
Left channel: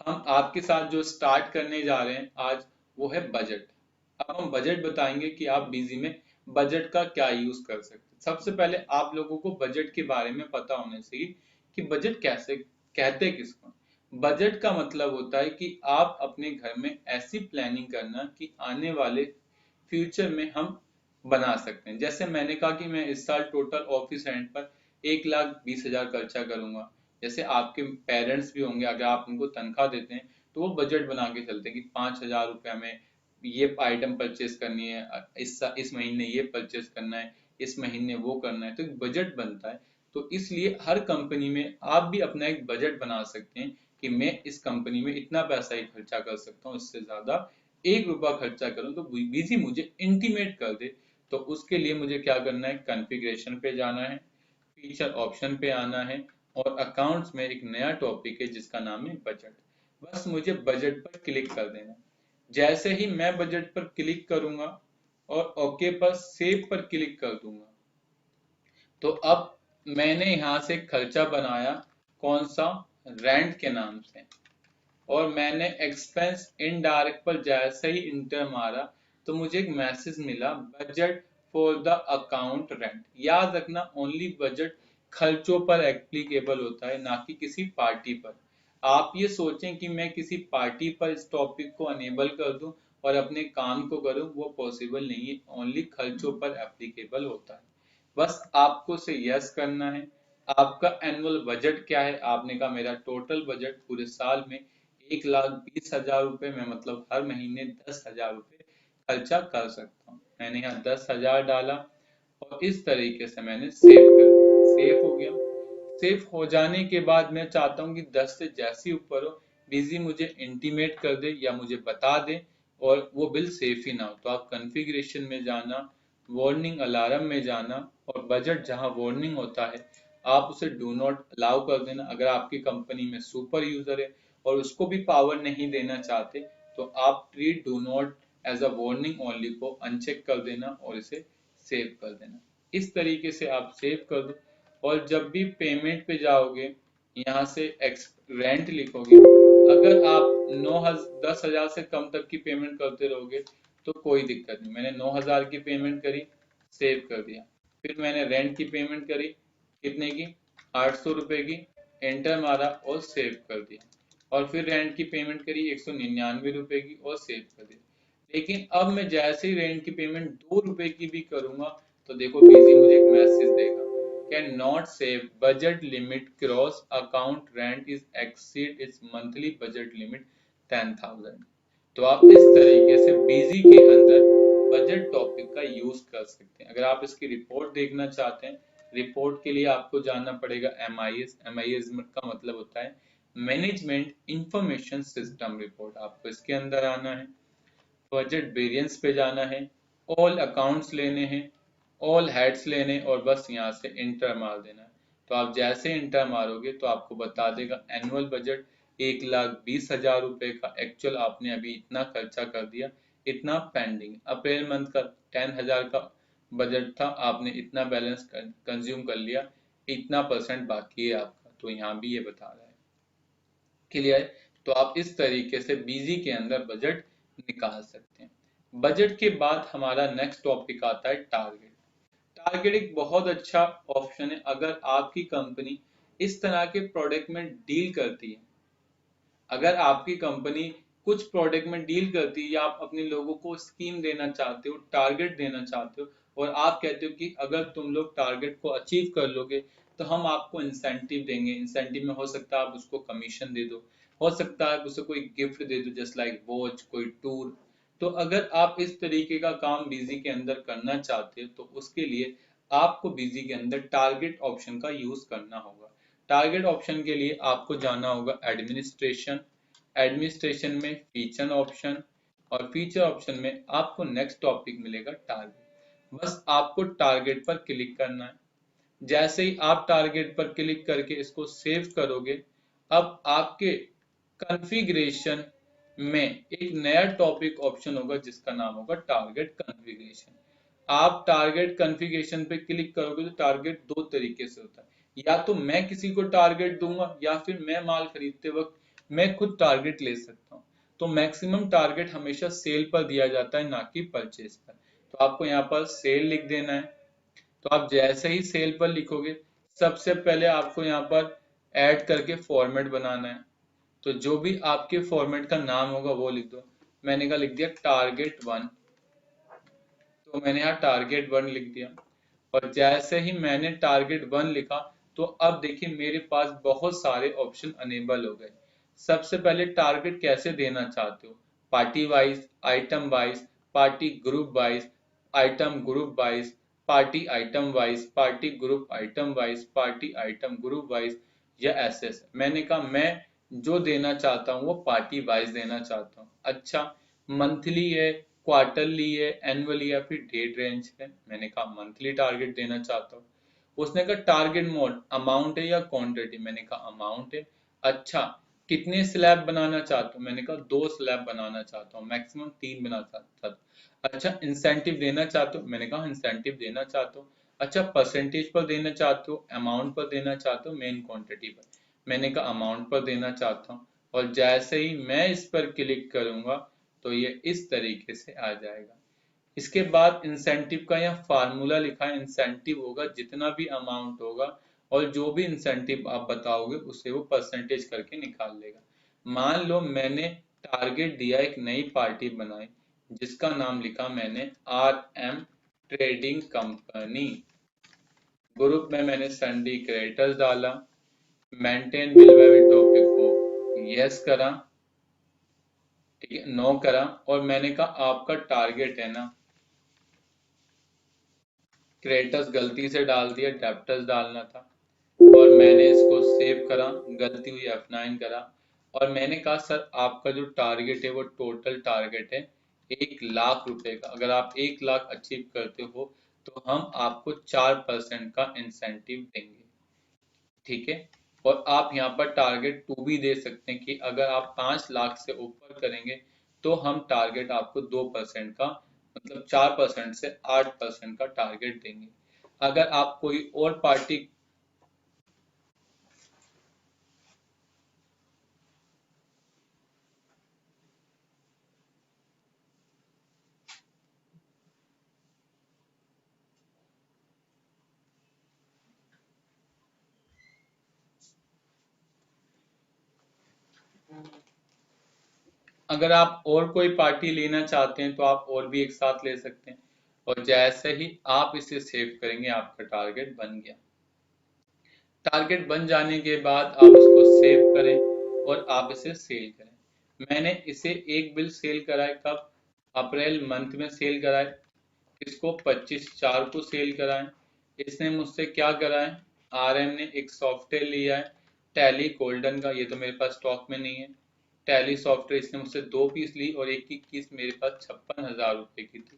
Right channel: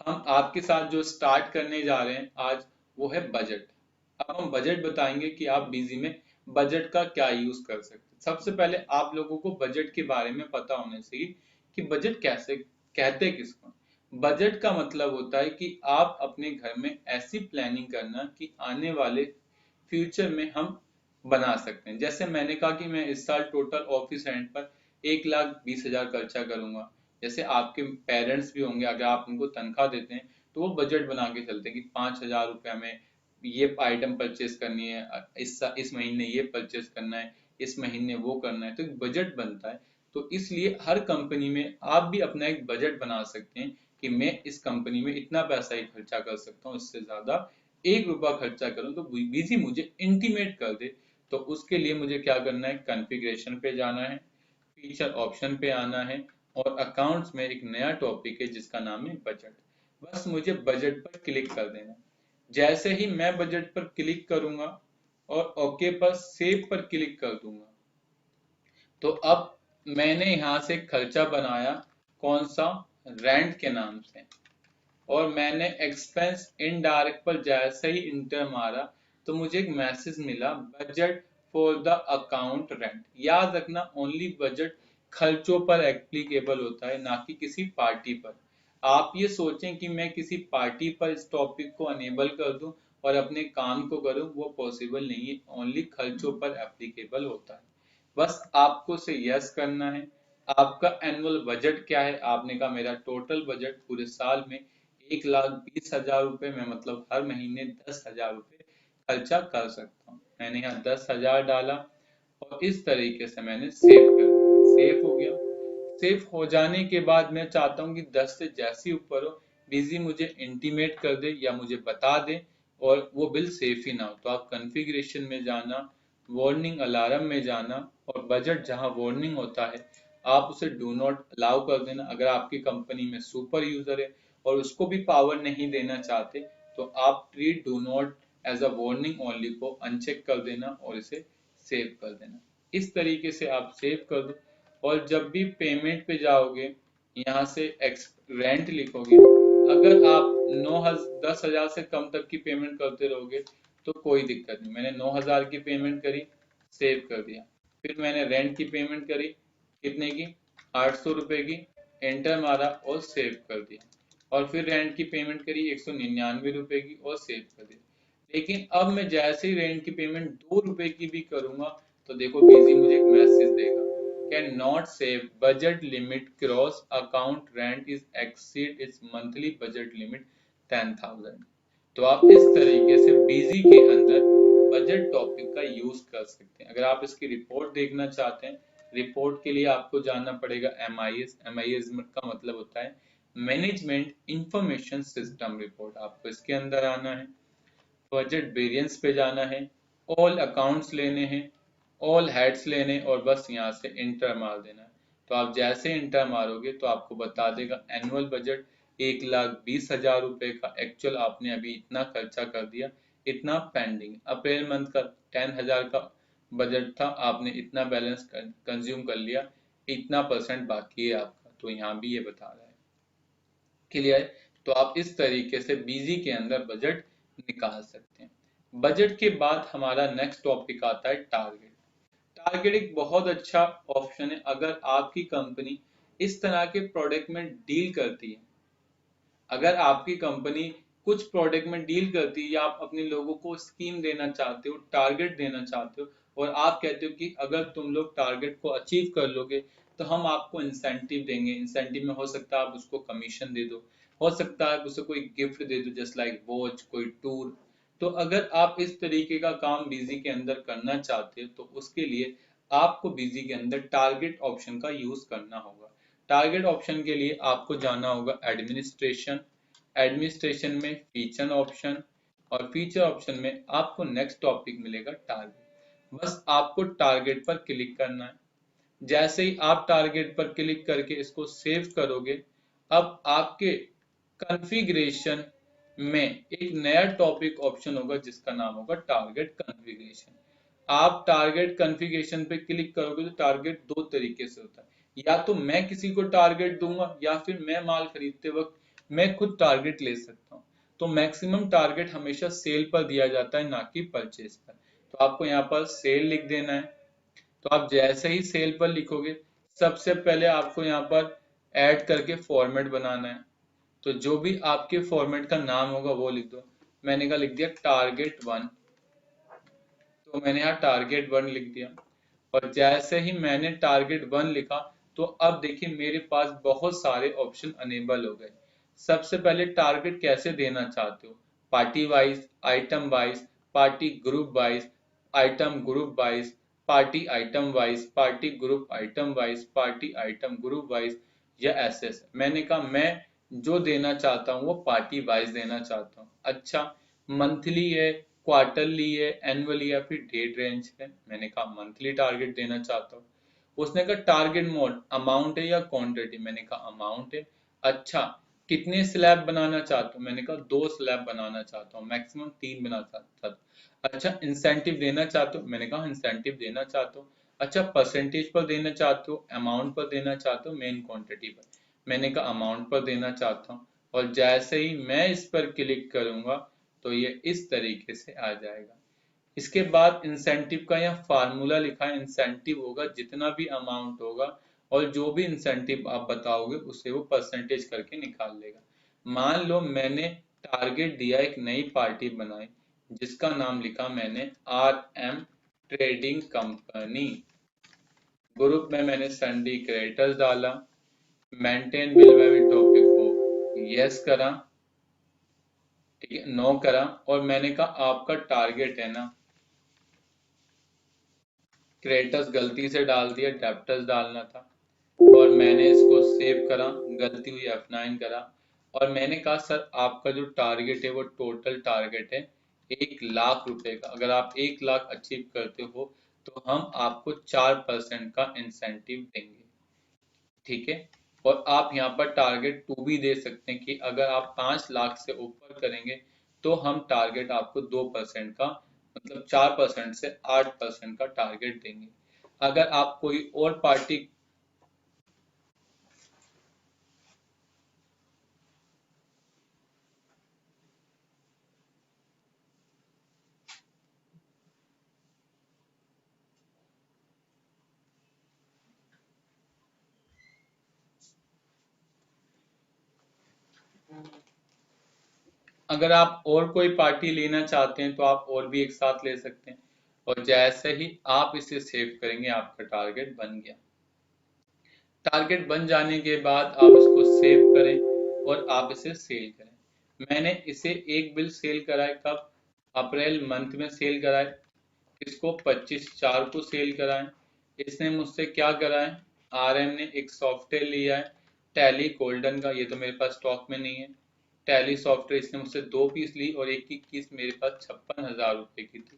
हम आपके साथ जो स्टार्ट करने जा रहे हैं आज, वो है बजट। अब हम बजट बताएंगे कि आप बिजी में बजट का क्या यूज कर सकते हैं। सबसे पहले आप लोगों को बजट के बारे में पता होना चाहिए कि बजट कैसे कहते किसको। बजट का मतलब होता है कि आप अपने घर में ऐसी प्लानिंग करना कि आने वाले फ्यूचर में हम बना सकते हैं। जैसे मैंने कहा कि मैं इस साल टोटल ऑफिस रेंट पर 1,20,000 खर्चा करूंगा। जैसे आपके पेरेंट्स भी होंगे, अगर आप उनको तनख्वाह देते हैं तो वो बजट बना के चलते हैं कि 5,000 रुपया में ये आइटम परचेस करनी है, इस महीने ये परचेस करना है, इस महीने वो करना है, तो एक बजट बनता है। तो इसलिए हर कंपनी में आप भी अपना एक बजट बना सकते हैं कि मैं इस कंपनी में इतना पैसा ही खर्चा कर सकता हूँ, इससे ज्यादा 1 रुपया खर्चा करूँ तो बीजी मुझे इंटीमेट कर दे। तो उसके लिए मुझे क्या करना है, कॉन्फ़िगरेशन पे जाना है, फीचर ऑप्शन पे आना है, और अकाउंट्स में एक नया टॉपिक है जिसका नाम है बजट। बस मुझे बजट पर क्लिक कर देना। जैसे ही मैं बजट पर क्लिक करूंगा और ओके पर सेव पर क्लिक कर दूंगा, तो अब मैंने यहाँ से खर्चा बनाया, कौन सा, रेंट के नाम से। और मैंने एक्सपेंस इनडायरेक्ट पर जैसे ही इंटर मारा तो मुझे एक मैसेज मिला, budget for the account rent. याद रखना, ओनली बजट खर्चों पर एप्लीकेबल होता है, ना कि किसी पार्टी पर। आप ये सोचें कि मैं किसी पार्टी पर इस टॉपिक को अनेबल कर दूं और अपने काम को करूं, वो पॉसिबल नहीं है, ओनली खर्चों पर एप्लीकेबल होता है। बस आपको से यस करना है। आपका एनुअल बजट क्या है, आपने कहा मेरा टोटल बजट पूरे साल में 1,20,000 रुपए में, मतलब हर महीने 10,000 रुपए खर्चा कर सकता हूँ। मैंने यहाँ 10,000 डाला और इस तरीके से मैंने सेव कर दिया। सेव हो गया। सेव हो जाने के बाद मैं चाहता हूँ कि 10 से जैसे ऊपर हो, बिजी मुझे इंटीमेट कर दे या मुझे बता दे और वो बिल सेफ ही ना हो। तो आप कॉन्फ़िगरेशन में जाना, वार्निंग अलार्म में जाना, और बजट जहाँ वार्निंग होता है आप उसे डू नॉट अलाउ कर देना। अगर आपकी कंपनी में सुपर यूजर है और उसको भी पावर नहीं देना चाहते, तो आप treat do not as a warning only को अनचेक कर देना और इसे सेव कर देना। इस तरीके से आप सेव कर दो। और जब भी पेमेंट पे जाओगे, यहाँ से रेंट लिखोगे। अगर आप 10,000 से कम तक की पेमेंट करते रहोगे तो कोई दिक्कत नहीं। मैंने 9,000 की पेमेंट करी, सेव कर दिया। फिर मैंने रेंट की पेमेंट करी, कितने की, 800 रुपए की, एंटर मारा और सेव कर दिया। और फिर रेंट की पेमेंट करी 199 रुपए की और सेव कर दिया। लेकिन अब मैं जैसे ही रेंट की पेमेंट 2 रुपए की भी करूंगा तो देखो बिजी मुझे एक मैसेज देगा, can not save, budget limit cross, account rent is exceed it's monthly budget limit 10,000। तो आप इस तरीके से बिजी के अंदर बजट टॉपिक का यूज कर सकते हैं। अगर आप इसकी रिपोर्ट देखना चाहते हैं, रिपोर्ट के लिए आपको जाना पड़ेगा MIS। MIS का मतलब होता है मैनेजमेंट इंफॉर्मेशन सिस्टम रिपोर्ट। आपको इसके अंदर आना है, बजट वेरिएंस पे जाना है, ऑल अकाउंट्स लेने हैं, ऑल हेड्स लेने, और बस यहाँ से इंटर मार देना है। तो आप जैसे इंटर मारोगे तो आपको बता देगा एनुअल बजट 1,20,000 रुपए का, एक्चुअल आपने अभी इतना खर्चा कर दिया, इतना पेंडिंग। अप्रैल मंथ का 10,000 का बजट था, आपने इतना बैलेंस कंज्यूम कर लिया, इतना परसेंट बाकी है आपका। तो यहाँ भी ये बता रहा है। क्लियर है? तो आप इस तरीके से बिजी के अंदर बजट निकाल सकते हैं। बजट के बाद हमारा नेक्स्ट टॉपिक आता है टारगेट। टारगेट एक बहुत अच्छा ऑप्शन है अगर आपकी कंपनी इस तरह के प्रोडक्ट में डील करती है। अगर आपकी कंपनी कुछ प्रोडक्ट में डील करती है या आप अपने लोगों को स्कीम देना चाहते हो, टारगेट देना चाहते हो, और आप कहते हो कि अगर तुम लोग टारगेट को अचीव कर लोगे तो हम आपको इंसेंटिव देंगे। इंसेंटिव में हो सकता है आप उसको कमीशन दे दो, हो सकता है उसे कोई गिफ्ट दे दो, जस्ट लाइक वॉच, कोई टूर। तो अगर आप इस तरीके का काम बिजी के अंदर करना चाहते हो तो उसके लिए आपको बिजी के अंदर टारगेट ऑप्शन का यूज करना होगा। टारगेट ऑप्शन के लिए आपको जाना होगा एडमिनिस्ट्रेशन। एडमिनिस्ट्रेशन में फीचर ऑप्शन, और फीचर ऑप्शन में आपको नेक्स्ट टॉपिक मिलेगा टारगेट। बस आपको टारगेट पर क्लिक करना है। जैसे ही आप टारगेट पर क्लिक करके इसको सेव करोगे, अब आपके कॉन्फ़िगरेशन में एक नया टॉपिक ऑप्शन होगा जिसका नाम होगा टारगेट कॉन्फ़िगरेशन। आप टारगेट कॉन्फ़िगरेशन पे क्लिक करोगे तो टारगेट दो तरीके से होता है। या तो मैं किसी को टारगेट दूंगा या फिर मैं माल खरीदते वक्त मैं खुद टारगेट ले सकता हूँ। तो मैक्सिमम टारगेट हमेशा सेल पर दिया जाता है, ना कि परचेज पर। तो आपको यहाँ पर सेल लिख देना है। तो आप जैसे ही सेल पर लिखोगे, सबसे पहले आपको यहाँ पर ऐड करके फॉर्मेट बनाना है। तो जो भी आपके फॉर्मेट का नाम होगा वो लिख दो। मैंने कहा लिख दिया टारगेट 1। तो मैंने यहाँ टारगेट 1 लिख दिया। और जैसे ही मैंने टारगेट 1 लिखा, तो अब देखिए मेरे पास बहुत सारे ऑप्शन अनेबल हो गए। सबसे पहले टारगेट कैसे देना चाहते हो, party wise, item wise, party group wise, item group wise, party item wise, party group item wise, party item group wise, या ऐसे ऐसे। मैंने कहा मैं जो देना चाहता हूँ वो पार्टी वाइज देना चाहता हूँ। अच्छा, मंथली है, क्वार्टरली है, एनुअली या फिर डेट रेंज है। मैंने कहा मंथली टारगेट देना चाहता हूँ। उसने कहा टारगेट मोड अमाउंट है या क्वांटिटी, मैंने कहा अमाउंट है। अच्छा, कितने स्लैब बनाना चाहता हूँ, मैंने कहा 2 स्लैब बनाना चाहता हूँ, मैक्सिमम 3 बना चाहता हूँ। अच्छा, इंसेंटिव देना चाहते हो, मैंने कहा इंसेंटिव देना चाहता हूँ। अच्छा, परसेंटेज पर देना चाहते हो, अमाउंट पर देना चाहते हो, मेन क्वांटिटी पर, मैंने कहा अमाउंट पर देना चाहता हूँ। और जैसे ही मैं इस पर क्लिक करूंगा तो ये इस तरीके से आ जाएगा। इसके बाद इंसेंटिव का यहाँ फार्मूला लिखा है। इंसेंटिव होगा जितना भी अमाउंट होगा और जो भी इंसेंटिव आप बताओगे उसे वो परसेंटेज करके निकाल लेगा। मान लो मैंने टारगेट दिया, एक नई पार्टी बनाई जिसका नाम लिखा मैंने RM ट्रेडिंग कंपनी। ग्रुप में मैंने संडी क्रिएटर्स डाला, मेंटेन बिल वेरी टॉपिक को यस करा, ठीक है, नो करा। और मैंने कहा आपका टारगेट है ना, क्रेटस गलती से डाल दिया, डेप्टर्स डालना था। और मैंने इसको सेव करा, गलती हुई F9 करा। और मैंने कहा सर आपका जो टारगेट है वो टोटल टारगेट है 1 लाख रुपए का। अगर आप 1 लाख अचीव करते हो तो हम आपको 4% का इंसेंटिव देंगे, ठीक है। और आप यहाँ पर टारगेट 2 भी दे सकते हैं कि अगर आप 5 लाख से ऊपर करेंगे तो हम टारगेट आपको 2% का, मतलब 4% से 8% का टारगेट देंगे। अगर आप कोई और पार्टी, अगर आप और कोई पार्टी लेना चाहते हैं तो आप और भी एक साथ ले सकते हैं। और जैसे ही आप इसे सेव करेंगे आपका टारगेट बन गया। टारगेट बन जाने के बाद आप इसको सेव करें और आप इसे सेल करें। मैंने इसे एक बिल सेल कराए, कब, अप्रैल मंथ में सेल कराए। इसको 25/4 को सेल कराएं। इसने मुझसे क्या कराए, RM ने एक सॉफ्टवेयर लिया है टैली गोल्डन का, ये तो मेरे पास स्टॉक में नहीं है। टैली सॉफ्टवेयर इसने मुझसे 2 पीस ली और एक की कीस मेरे पास 56,000 रुपए की थी।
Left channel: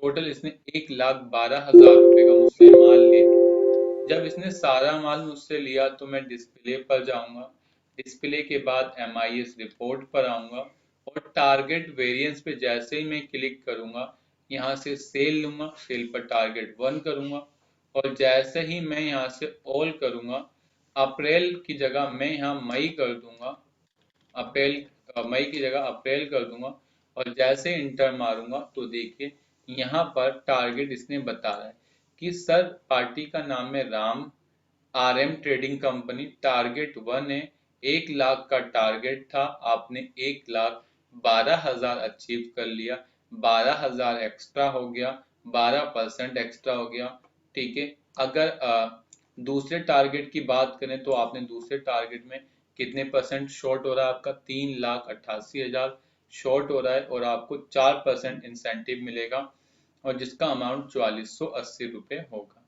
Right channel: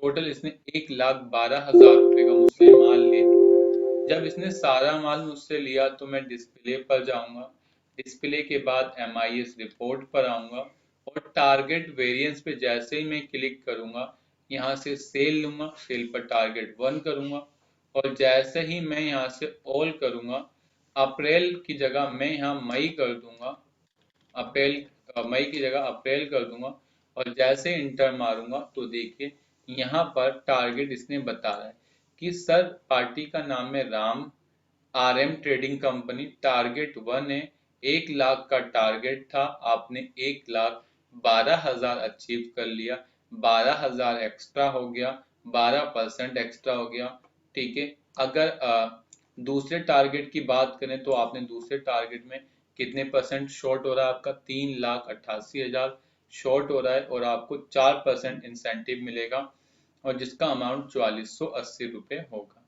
टोटल इसने 1,12,000 रुपए का मुझसे माल ले लिया। जब इसने सारा माल मुझसे लिया तो मैं डिस्प्ले पर जाऊंगा। डिस्प्ले के बाद MIS रिपोर्ट पर आऊंगा और टारगेट वेरिएंस पे जैसे ही मैं क्लिक करूंगा, यहाँ से सेल लूंगा, सेल पर टारगेट 1 करूंगा। और जैसे ही मैं यहाँ से ऑल करूंगा, अप्रैल की जगह मैं यहाँ मई कर दूंगा, अप्रैल, मई की जगह अप्रैल कर दूंगा। और जैसे इंटर मारूंगा तो देखिए यहाँ पर टारगेट इसने बता रहा है कि सर पार्टी का नाम है Ram, RM trading company, target 1 है, 1 लाख का टारगेट था, आपने 1,12,000 अचीव कर लिया, 12,000 एक्स्ट्रा हो गया, 12% एक्स्ट्रा हो गया, ठीक है। अगर दूसरे टारगेट की बात करें तो आपने दूसरे टारगेट में कितने परसेंट शॉर्ट हो रहा है, आपका 3,88,000 शॉर्ट हो रहा है और आपको 4% इंसेंटिव मिलेगा और जिसका अमाउंट 4480 रुपये होगा।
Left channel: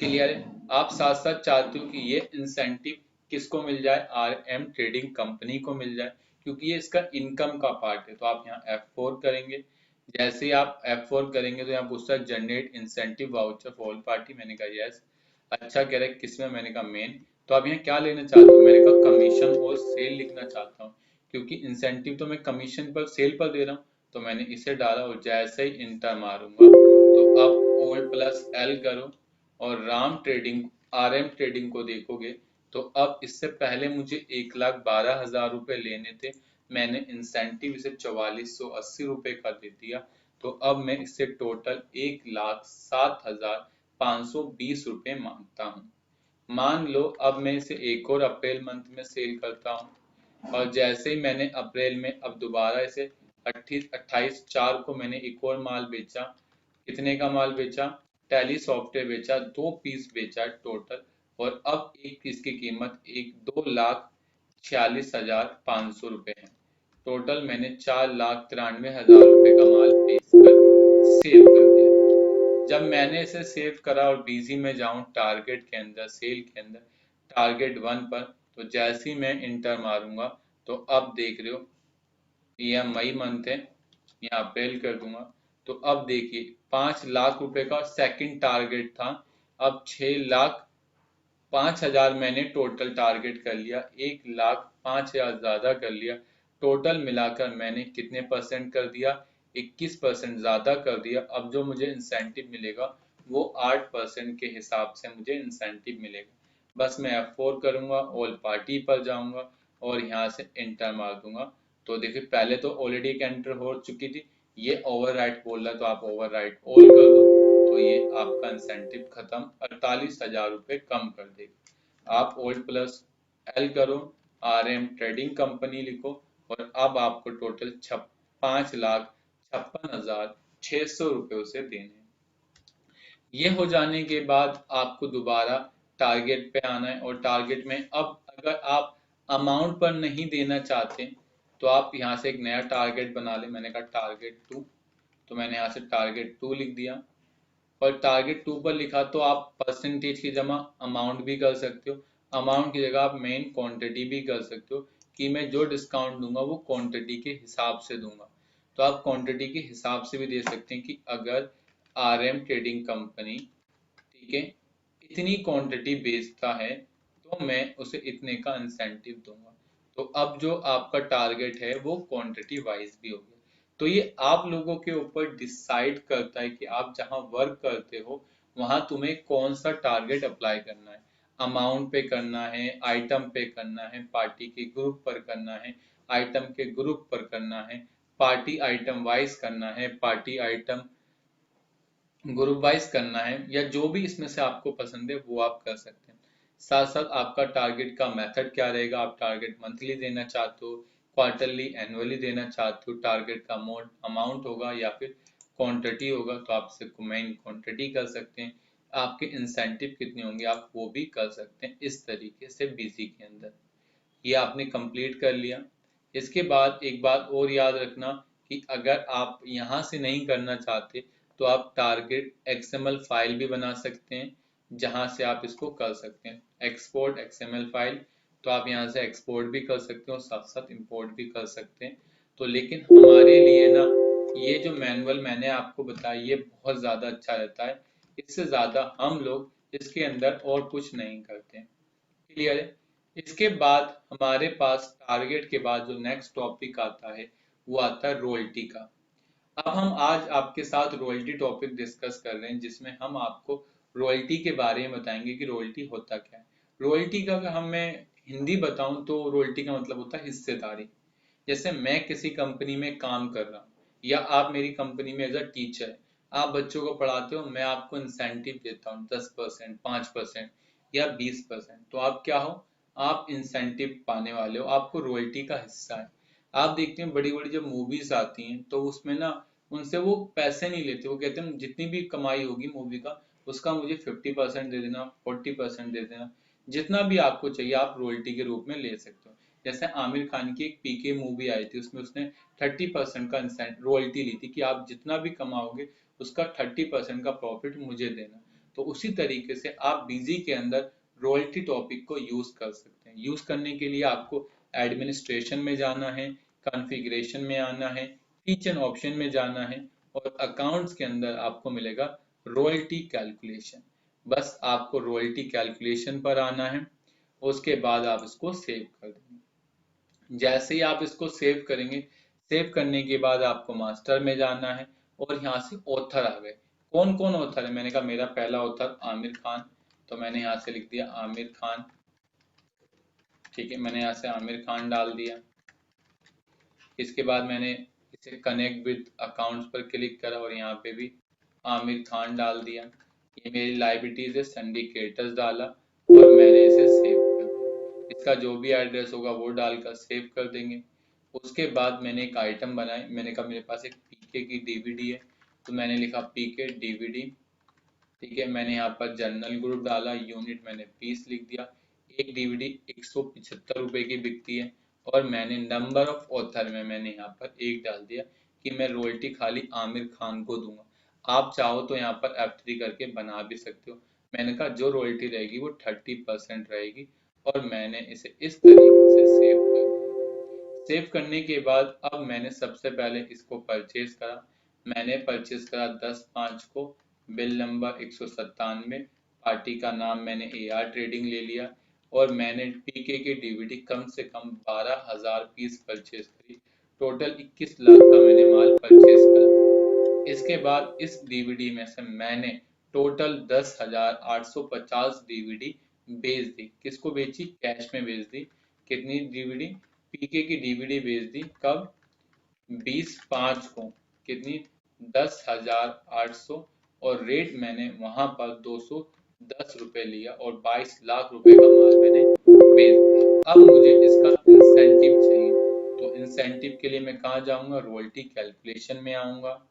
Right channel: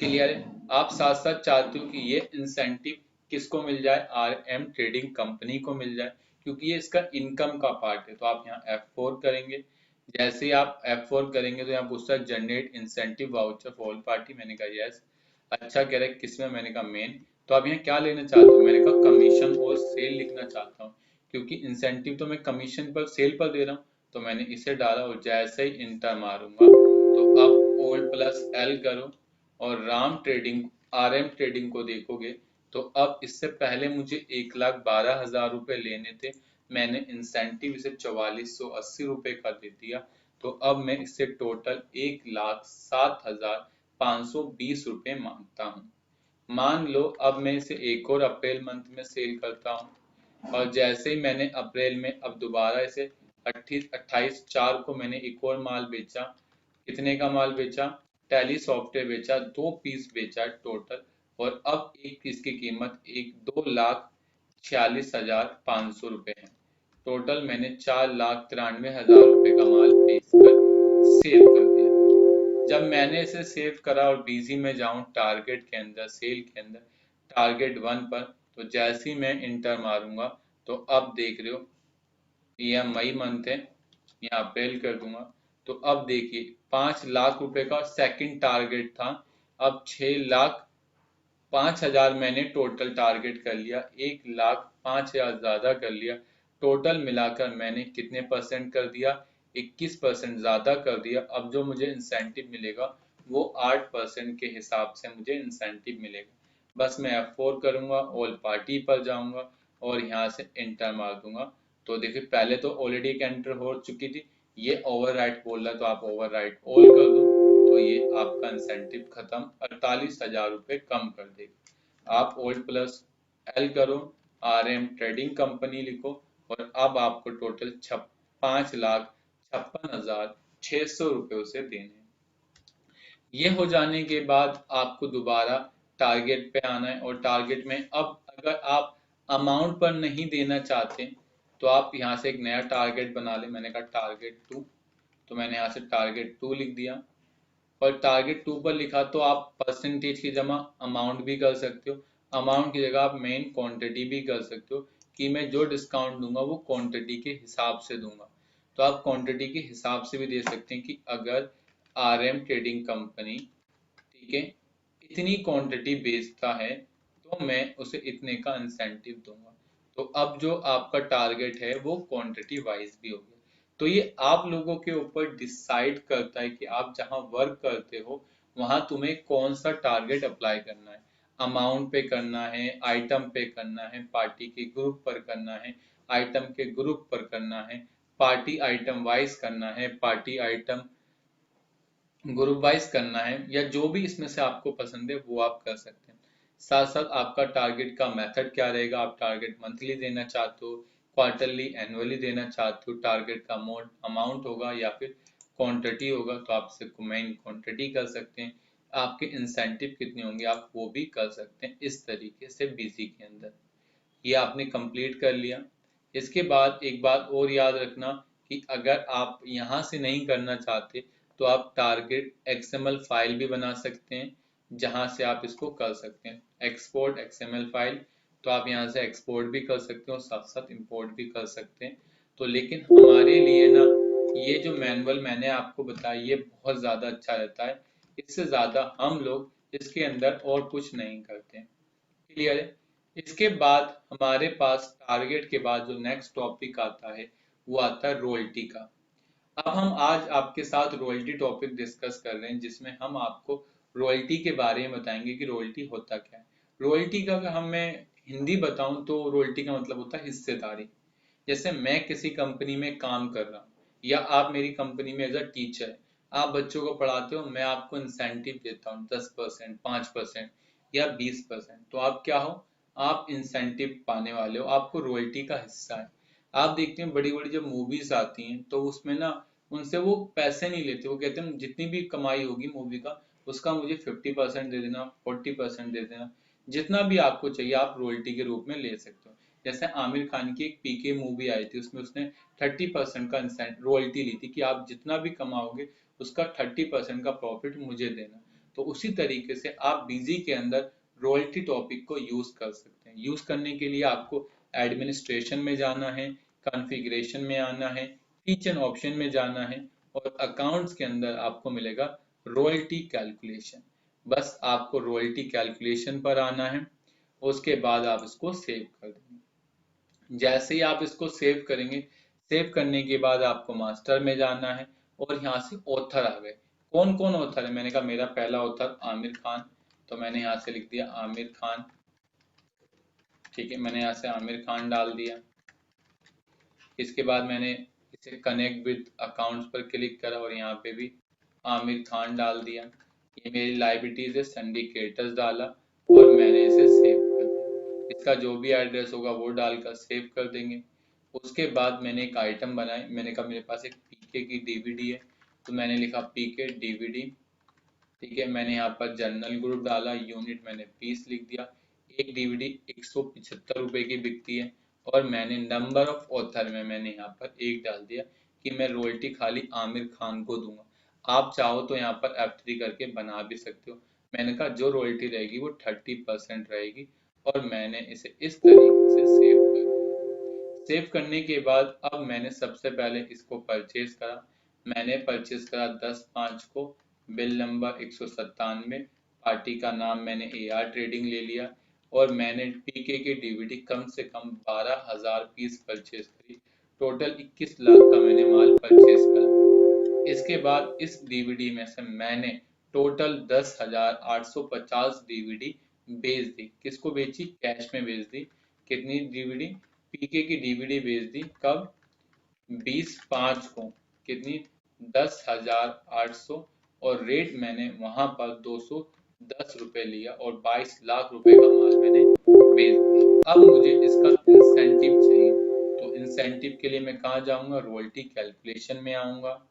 क्लियर है। आप साथ साथ चाहते हो कि ये इंसेंटिव किसको मिल जाए, RM ट्रेडिंग कंपनी को मिल जाए, क्योंकि ये इसका इनकम का पार्ट है। तो आप यहाँ F4 करेंगे। जैसे ही आप F4 करेंगे तो यहाँ पूछता है generate incentive voucher for all party, मैंने कहा यस। अच्छा कह रहे किसमें, मैंने कहा मेन। तो आप यहाँ क्या लेना चाहते हो, मैंने कहा कमीशन और सेल लिखना चाहता हूँ, क्योंकि इंसेंटिव तो मैं कमीशन पर, सेल पर दे रहा हूँ। तो मैंने इसे डाला और जैसे ही इंटर मारूंगा तो आप Alt+L करो और राम ट्रेडिंग RM ट्रेडिंग को देखोगे तो अब इससे पहले मुझे 1,12,000 रुपए लेने थे, मैंने इंसेंटिव इसे 4480 रुपए का दे दिया, तो अब मैं इससे टोटल 1,07,520 रुपए मांगता हूँ। मान लो अब मैं इसे एक और अप्रैल मंथ में सेल करता हूँ, और जैसे ही मैंने अप्रैल में अब दोबारा इसे 28/4 को मैंने एक और माल बेचा। कितने का माल बेचा? टैली सॉफ्टवेयर बेचा, 2 पीस बेचा टोटल, और अब एक पीस की कीमत 2,46,500 रुपए है। टोटल मैंने 4,93,000 रुपए का माल बेचकर सेव कर दिया। जब मैंने इसे सेव करा और बीजी में जाऊं टारगेट के अंदर, सेल के अंदर, टारगेट 1 पर, तो जैसे ही मैं इंटर मारूंगा तो अब देख रहे हो ये मई मंथ है, यहाँ अप्रैल कर दूंगा, तो अब देखिए 5 लाख रुपए का सेकंड टारगेट था, अब 6,05,000 मैंने टोटल टारगेट कर लिया, 1,05,000 ज्यादा कर लिया। टोटल मिलाकर मैंने कितने परसेंट कर दिया? 21% ज्यादा कर दिया। अब जो मुझे इंसेंटिव मिलेगा वो 8% के हिसाब से मुझे इंसेंटिव मिलेगा। बस मैं F4 करूंगा, ऑल पार्टी पर जाऊंगा और यहाँ से एंटर मार दूंगा। तो देखिए पहले तो ऑलरेडी एक एंटर हो चुकी थी, ये ओवरराइट बोल रहा है तो आप ओवरराइट ऑल कर दो, तो ये आपका इंसेंटिव खत्म, 48,000 रुपए कम कर देगा। आप ओल्ड प्लस एल करो, RM ट्रेडिंग कंपनी लिखो, और अब आपको टोटल 5,56,600 रुपए उसे देने। ये हो जाने के बाद आपको दोबारा टारगेट पे आना है, और टारगेट में अब अगर आप अमाउंट पर नहीं देना चाहते तो आप यहाँ से एक नया टारगेट बना ले। मैंने कहा टारगेट 2, तो मैंने यहाँ से टारगेट 2 लिख दिया, और टारगेट 2 पर लिखा तो आप परसेंटेज की जमा अमाउंट भी कर सकते हो, अमाउंट की जगह आप मेन क्वांटिटी भी कर सकते हो कि मैं जो डिस्काउंट दूंगा वो क्वांटिटी के हिसाब से दूंगा। तो आप क्वांटिटी के हिसाब से भी दे सकते हैं कि अगर RM ट्रेडिंग कंपनी, ठीक है, इतनी क्वांटिटी बेचता है तो मैं उसे इतने का इंसेंटिव दूंगा। तो अब जो आपका टारगेट है वो क्वांटिटी वाइज भी हो गया। तो ये आप लोगों के ऊपर डिसाइड करता है कि आप जहां वर्क करते हो वहां तुम्हें कौन सा टारगेट अप्लाई करना है। अमाउंट पे करना है, आइटम पे करना है, पार्टी के ग्रुप पर करना है, आइटम के ग्रुप पर करना है, पार्टी आइटम वाइज करना है, पार्टी आइटम ग्रुप वाइज करना है, या जो भी इसमें से आपको पसंद है वो आप कर सकते हैं। साथ साथ आपका टारगेट का मेथड क्या रहेगा, आप टारगेट मंथली देना चाहते हो, क्वार्टरली, एनुअली देना चाहते हो, टारगेट का मोड अमाउंट होगा या फिर क्वांटिटी होगा, तो आप सिर्फ मेन क्वांटिटी कर सकते हैं। आपके इंसेंटिव कितने होंगे आप वो भी कर सकते हैं इस तरीके से बीसी के अंदर। ये आपने कंप्लीट कर लिया। इसके बाद एक बात और याद रखना कि अगर आप यहाँ से नहीं करना चाहते तो आप टारगेट XML फाइल भी बना सकते हैं, जहाँ से आप इसको कर सकते हैं एक्सपोर्ट XML फाइल। तो आप यहाँ से एक्सपोर्ट भी कर सकते हो, साथ साथ इंपोर्ट भी कर सकते हैं। तो लेकिन हमारे लिए ना ये जो मैनुअल मैंने आपको बताया ये बहुत ज़्यादा अच्छा रहता है, इससे ज़्यादा हम लोग इसके अंदर और कुछ नहीं करते हैं। क्लियर है? इसके बाद हमारे पास टारगेट के बाद जो नेक्स्ट टॉपिक आता है वो आता है रॉयल्टी का। अब हम आज आपके साथ रॉयल्टी टॉपिक डिस्कस कर रहे हैं, जिसमें हम आपको रॉयल्टी के बारे में बताएंगे कि रॉयल्टी होता क्या है। रॉयल्टी का अगर हम मैं हिंदी बताऊं तो रॉयल्टी का मतलब होता है हिस्सेदारी। जैसे मैं किसी कंपनी में काम कर रहा हूँ, या आप मेरी कंपनी में एज अ टीचर, आप बच्चों को पढ़ाते हो, मैं आपको इंसेंटिव देता हूँ 10%, 5% या 20%, तो आप क्या हो? आप इंसेंटिव पाने वाले हो, आपको रॉयल्टी का हिस्सा है। आप देखते हैं बड़ी बड़ी जब मूवीज आती हैं तो उसमें ना उनसे वो पैसे नहीं लेते, वो कहते हैं जितनी भी कमाई होगी मूवी का उसका मुझे 50% दे देना, 40% दे देना, जितना भी आपको चाहिए आप रॉयल्टी के रूप में ले सकते हो। जैसे आमिर खान की एक PK मूवी आई थी, उसमें उसने 30% का रॉयल्टी ली थी कि आप जितना भी कमाओगे उसका 30% का प्रॉफिट मुझे देना। तो उसी तरीके से आप बीजी के अंदर रॉयल्टी टॉपिक को यूज कर सकते हैं। यूज करने के लिए आपको एडमिनिस्ट्रेशन में जाना है, कॉन्फ़िगरेशन में आना है, फीचर ऑप्शन में जाना है, और अकाउंट्स के अंदर आपको मिलेगा रॉयल्टी कैलकुलेशन। बस आपको रॉयल्टी कैलकुलेशन पर आना है, उसके बाद आप इसको सेव कर देंगे। जैसे ही आप इसको सेव करेंगे, सेव करने के बाद आपको मास्टर में जाना है, और यहाँ से ऑथर आ गए। कौन कौन ऑथर है? मैंने कहा मेरा पहला ऑथर आमिर खान, तो मैंने यहाँ से लिख दिया आमिर खान। ठीक है, मैंने यहाँ से आमिर खान डाल दिया। इसके बाद मैंने इसे कनेक्ट विद अकाउंट्स पर क्लिक करा और यहाँ पे भी आमिर खान डाल दिया। ये मेरी लाइबिलिटीज है, सिंडिकेटर्स डाला और मैंने इसे सेव कर दिया। इसका जो भी एड्रेस होगा वो डालकर सेव कर देंगे। उसके बाद मैंने एक आइटम बनाई। मैंने कहा मेरे पास एक पीके की डीवीडी है, तो मैंने लिखा पीके डीवीडी। ठीक है, मैंने यहाँ पर जनरल ग्रुप डाला, यूनिट मैंने पीस लिख दिया। एक डीवीडी 175 रुपए की बिकती है और मैंने नंबर ऑफ ऑथर में मैंने यहाँ पर एक डाल दिया कि मैं रॉयल्टी खाली आमिर खान को दूंगा। आप चाहो तो यहाँ पर F3 करके बना भी सकते हो। मैंने कहा जो रॉयल्टी रहेगी वो 30% रहेगी और मैंने इसे इस तरीके से सेव कर दिया। सेव करने के बाद अब मैंने सबसे पहले इसको परचेज करा। मैंने परचेज करा 10/5 को, बिल नंबर 197, पार्टी का नाम मैंने AR ट्रेडिंग ले लिया और मैंने पीके की डीवीडी कम से कम 12,000 पीस परचेज करी। टोटल 21 लाख का मैंने माल परचेज करा। इसके बाद इस डीवीडी में से मैंने टोटल 10,850 डीवीडी बेच दी। किसको बेची? कैश में बेच दी। कितनी डीवीडी? पीके की डीवीडी बेच दी। कब? 20/5 को। कितनी? 10,800 और रेट मैंने वहां पर 210 रुपए लिया और 22 लाख रुपए का माल मैंने बेच दिया। अब मुझे इसका इंसेंटिव चाहिए, तो इंसेंटिव के लिए मैं कहाँ जाऊंगा? रॉयल्टी कैलकुलेशन में आऊंगा।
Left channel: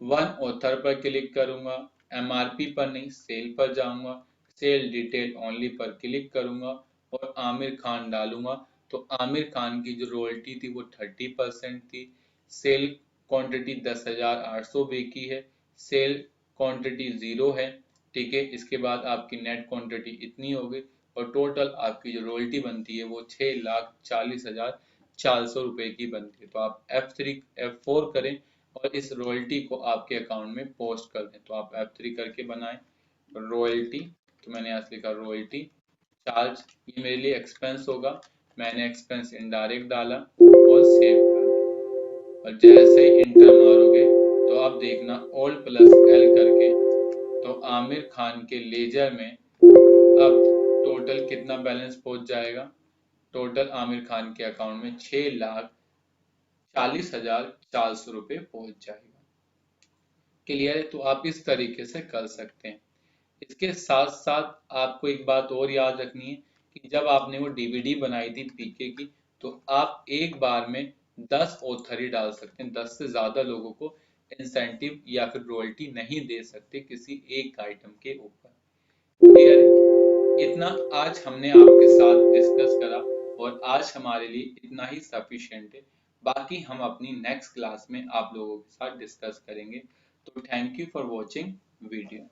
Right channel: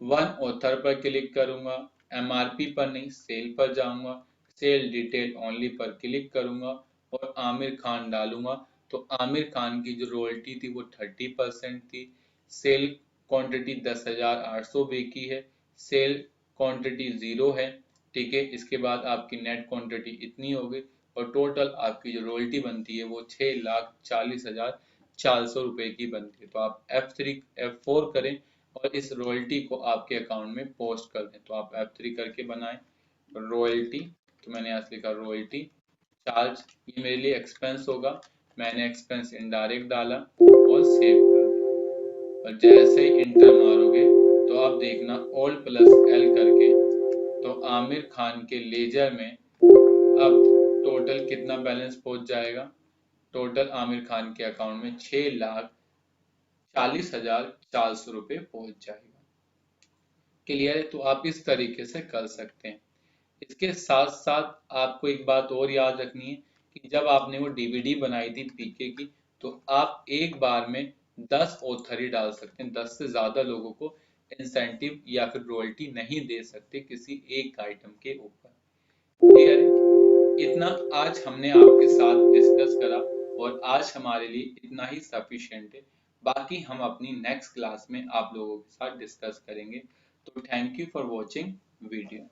वन ऑथर पर क्लिक करूंगा, MRP पर नहीं सेल पर जाऊंगा, सेल डिटेल ओनली पर क्लिक करूंगा और आमिर खान डालूंगा। तो आमिर खान की जो रॉयल्टी थी वो 30% थी। सेल क्वांटिटी 10,800 बेची है, सेल क्वांटिटी 0 है। ठीक है, इसके बाद आपकी नेट क्वांटिटी इतनी हो गई और टोटल आपकी जो रॉयल्टी बनती है वो 6,40,400 रुपए की बनती है। तो आप F4 करें और इस रॉयल्टी को आपके अकाउंट में पोस्ट कर दें। तो आप F3 करके बनाएं रॉयल्टी। तो मैंने यहाँ से लिखा रॉयल्टी चार्ज, ये मेरे लिए एक्सपेंस होगा। मैंने एक्सपेंस इनडायरेक्ट डाला और सेव कर दिया और जैसे ही इंटर मारोगे तो आप देखना Alt+L करके, तो आमिर खान के लेजर में अब टोटल कितना बैलेंस पहुंच जाएगा? टोटल आमिर खान के अकाउंट में 6,40,400 रुपये पहुंच जाएगा। क्लियर है? तो आप इस तरीके से कर सकते हैं। इसके साथ साथ आपको एक बात और याद रखनी है कि जब आपने वो डीवीडी बनाई थी पीके की, तो आप एक बार में 10 ऑथर ही डाल सकते हैं। 10 से ज्यादा लोगों को इंसेंटिव या फिर रॉयल्टी नहीं दे सकते किसी एक आइटम के ऊपर। क्लियर है? इतना आज हमने आपके साथ डिस्कस करा और आज हमारे लिए इतना ही सफिशिएंट है। बाकी हम अपनी नेक्स्ट क्लास में आप लोगों के साथ डिस्कस करेंगे। तो thank you for watching video.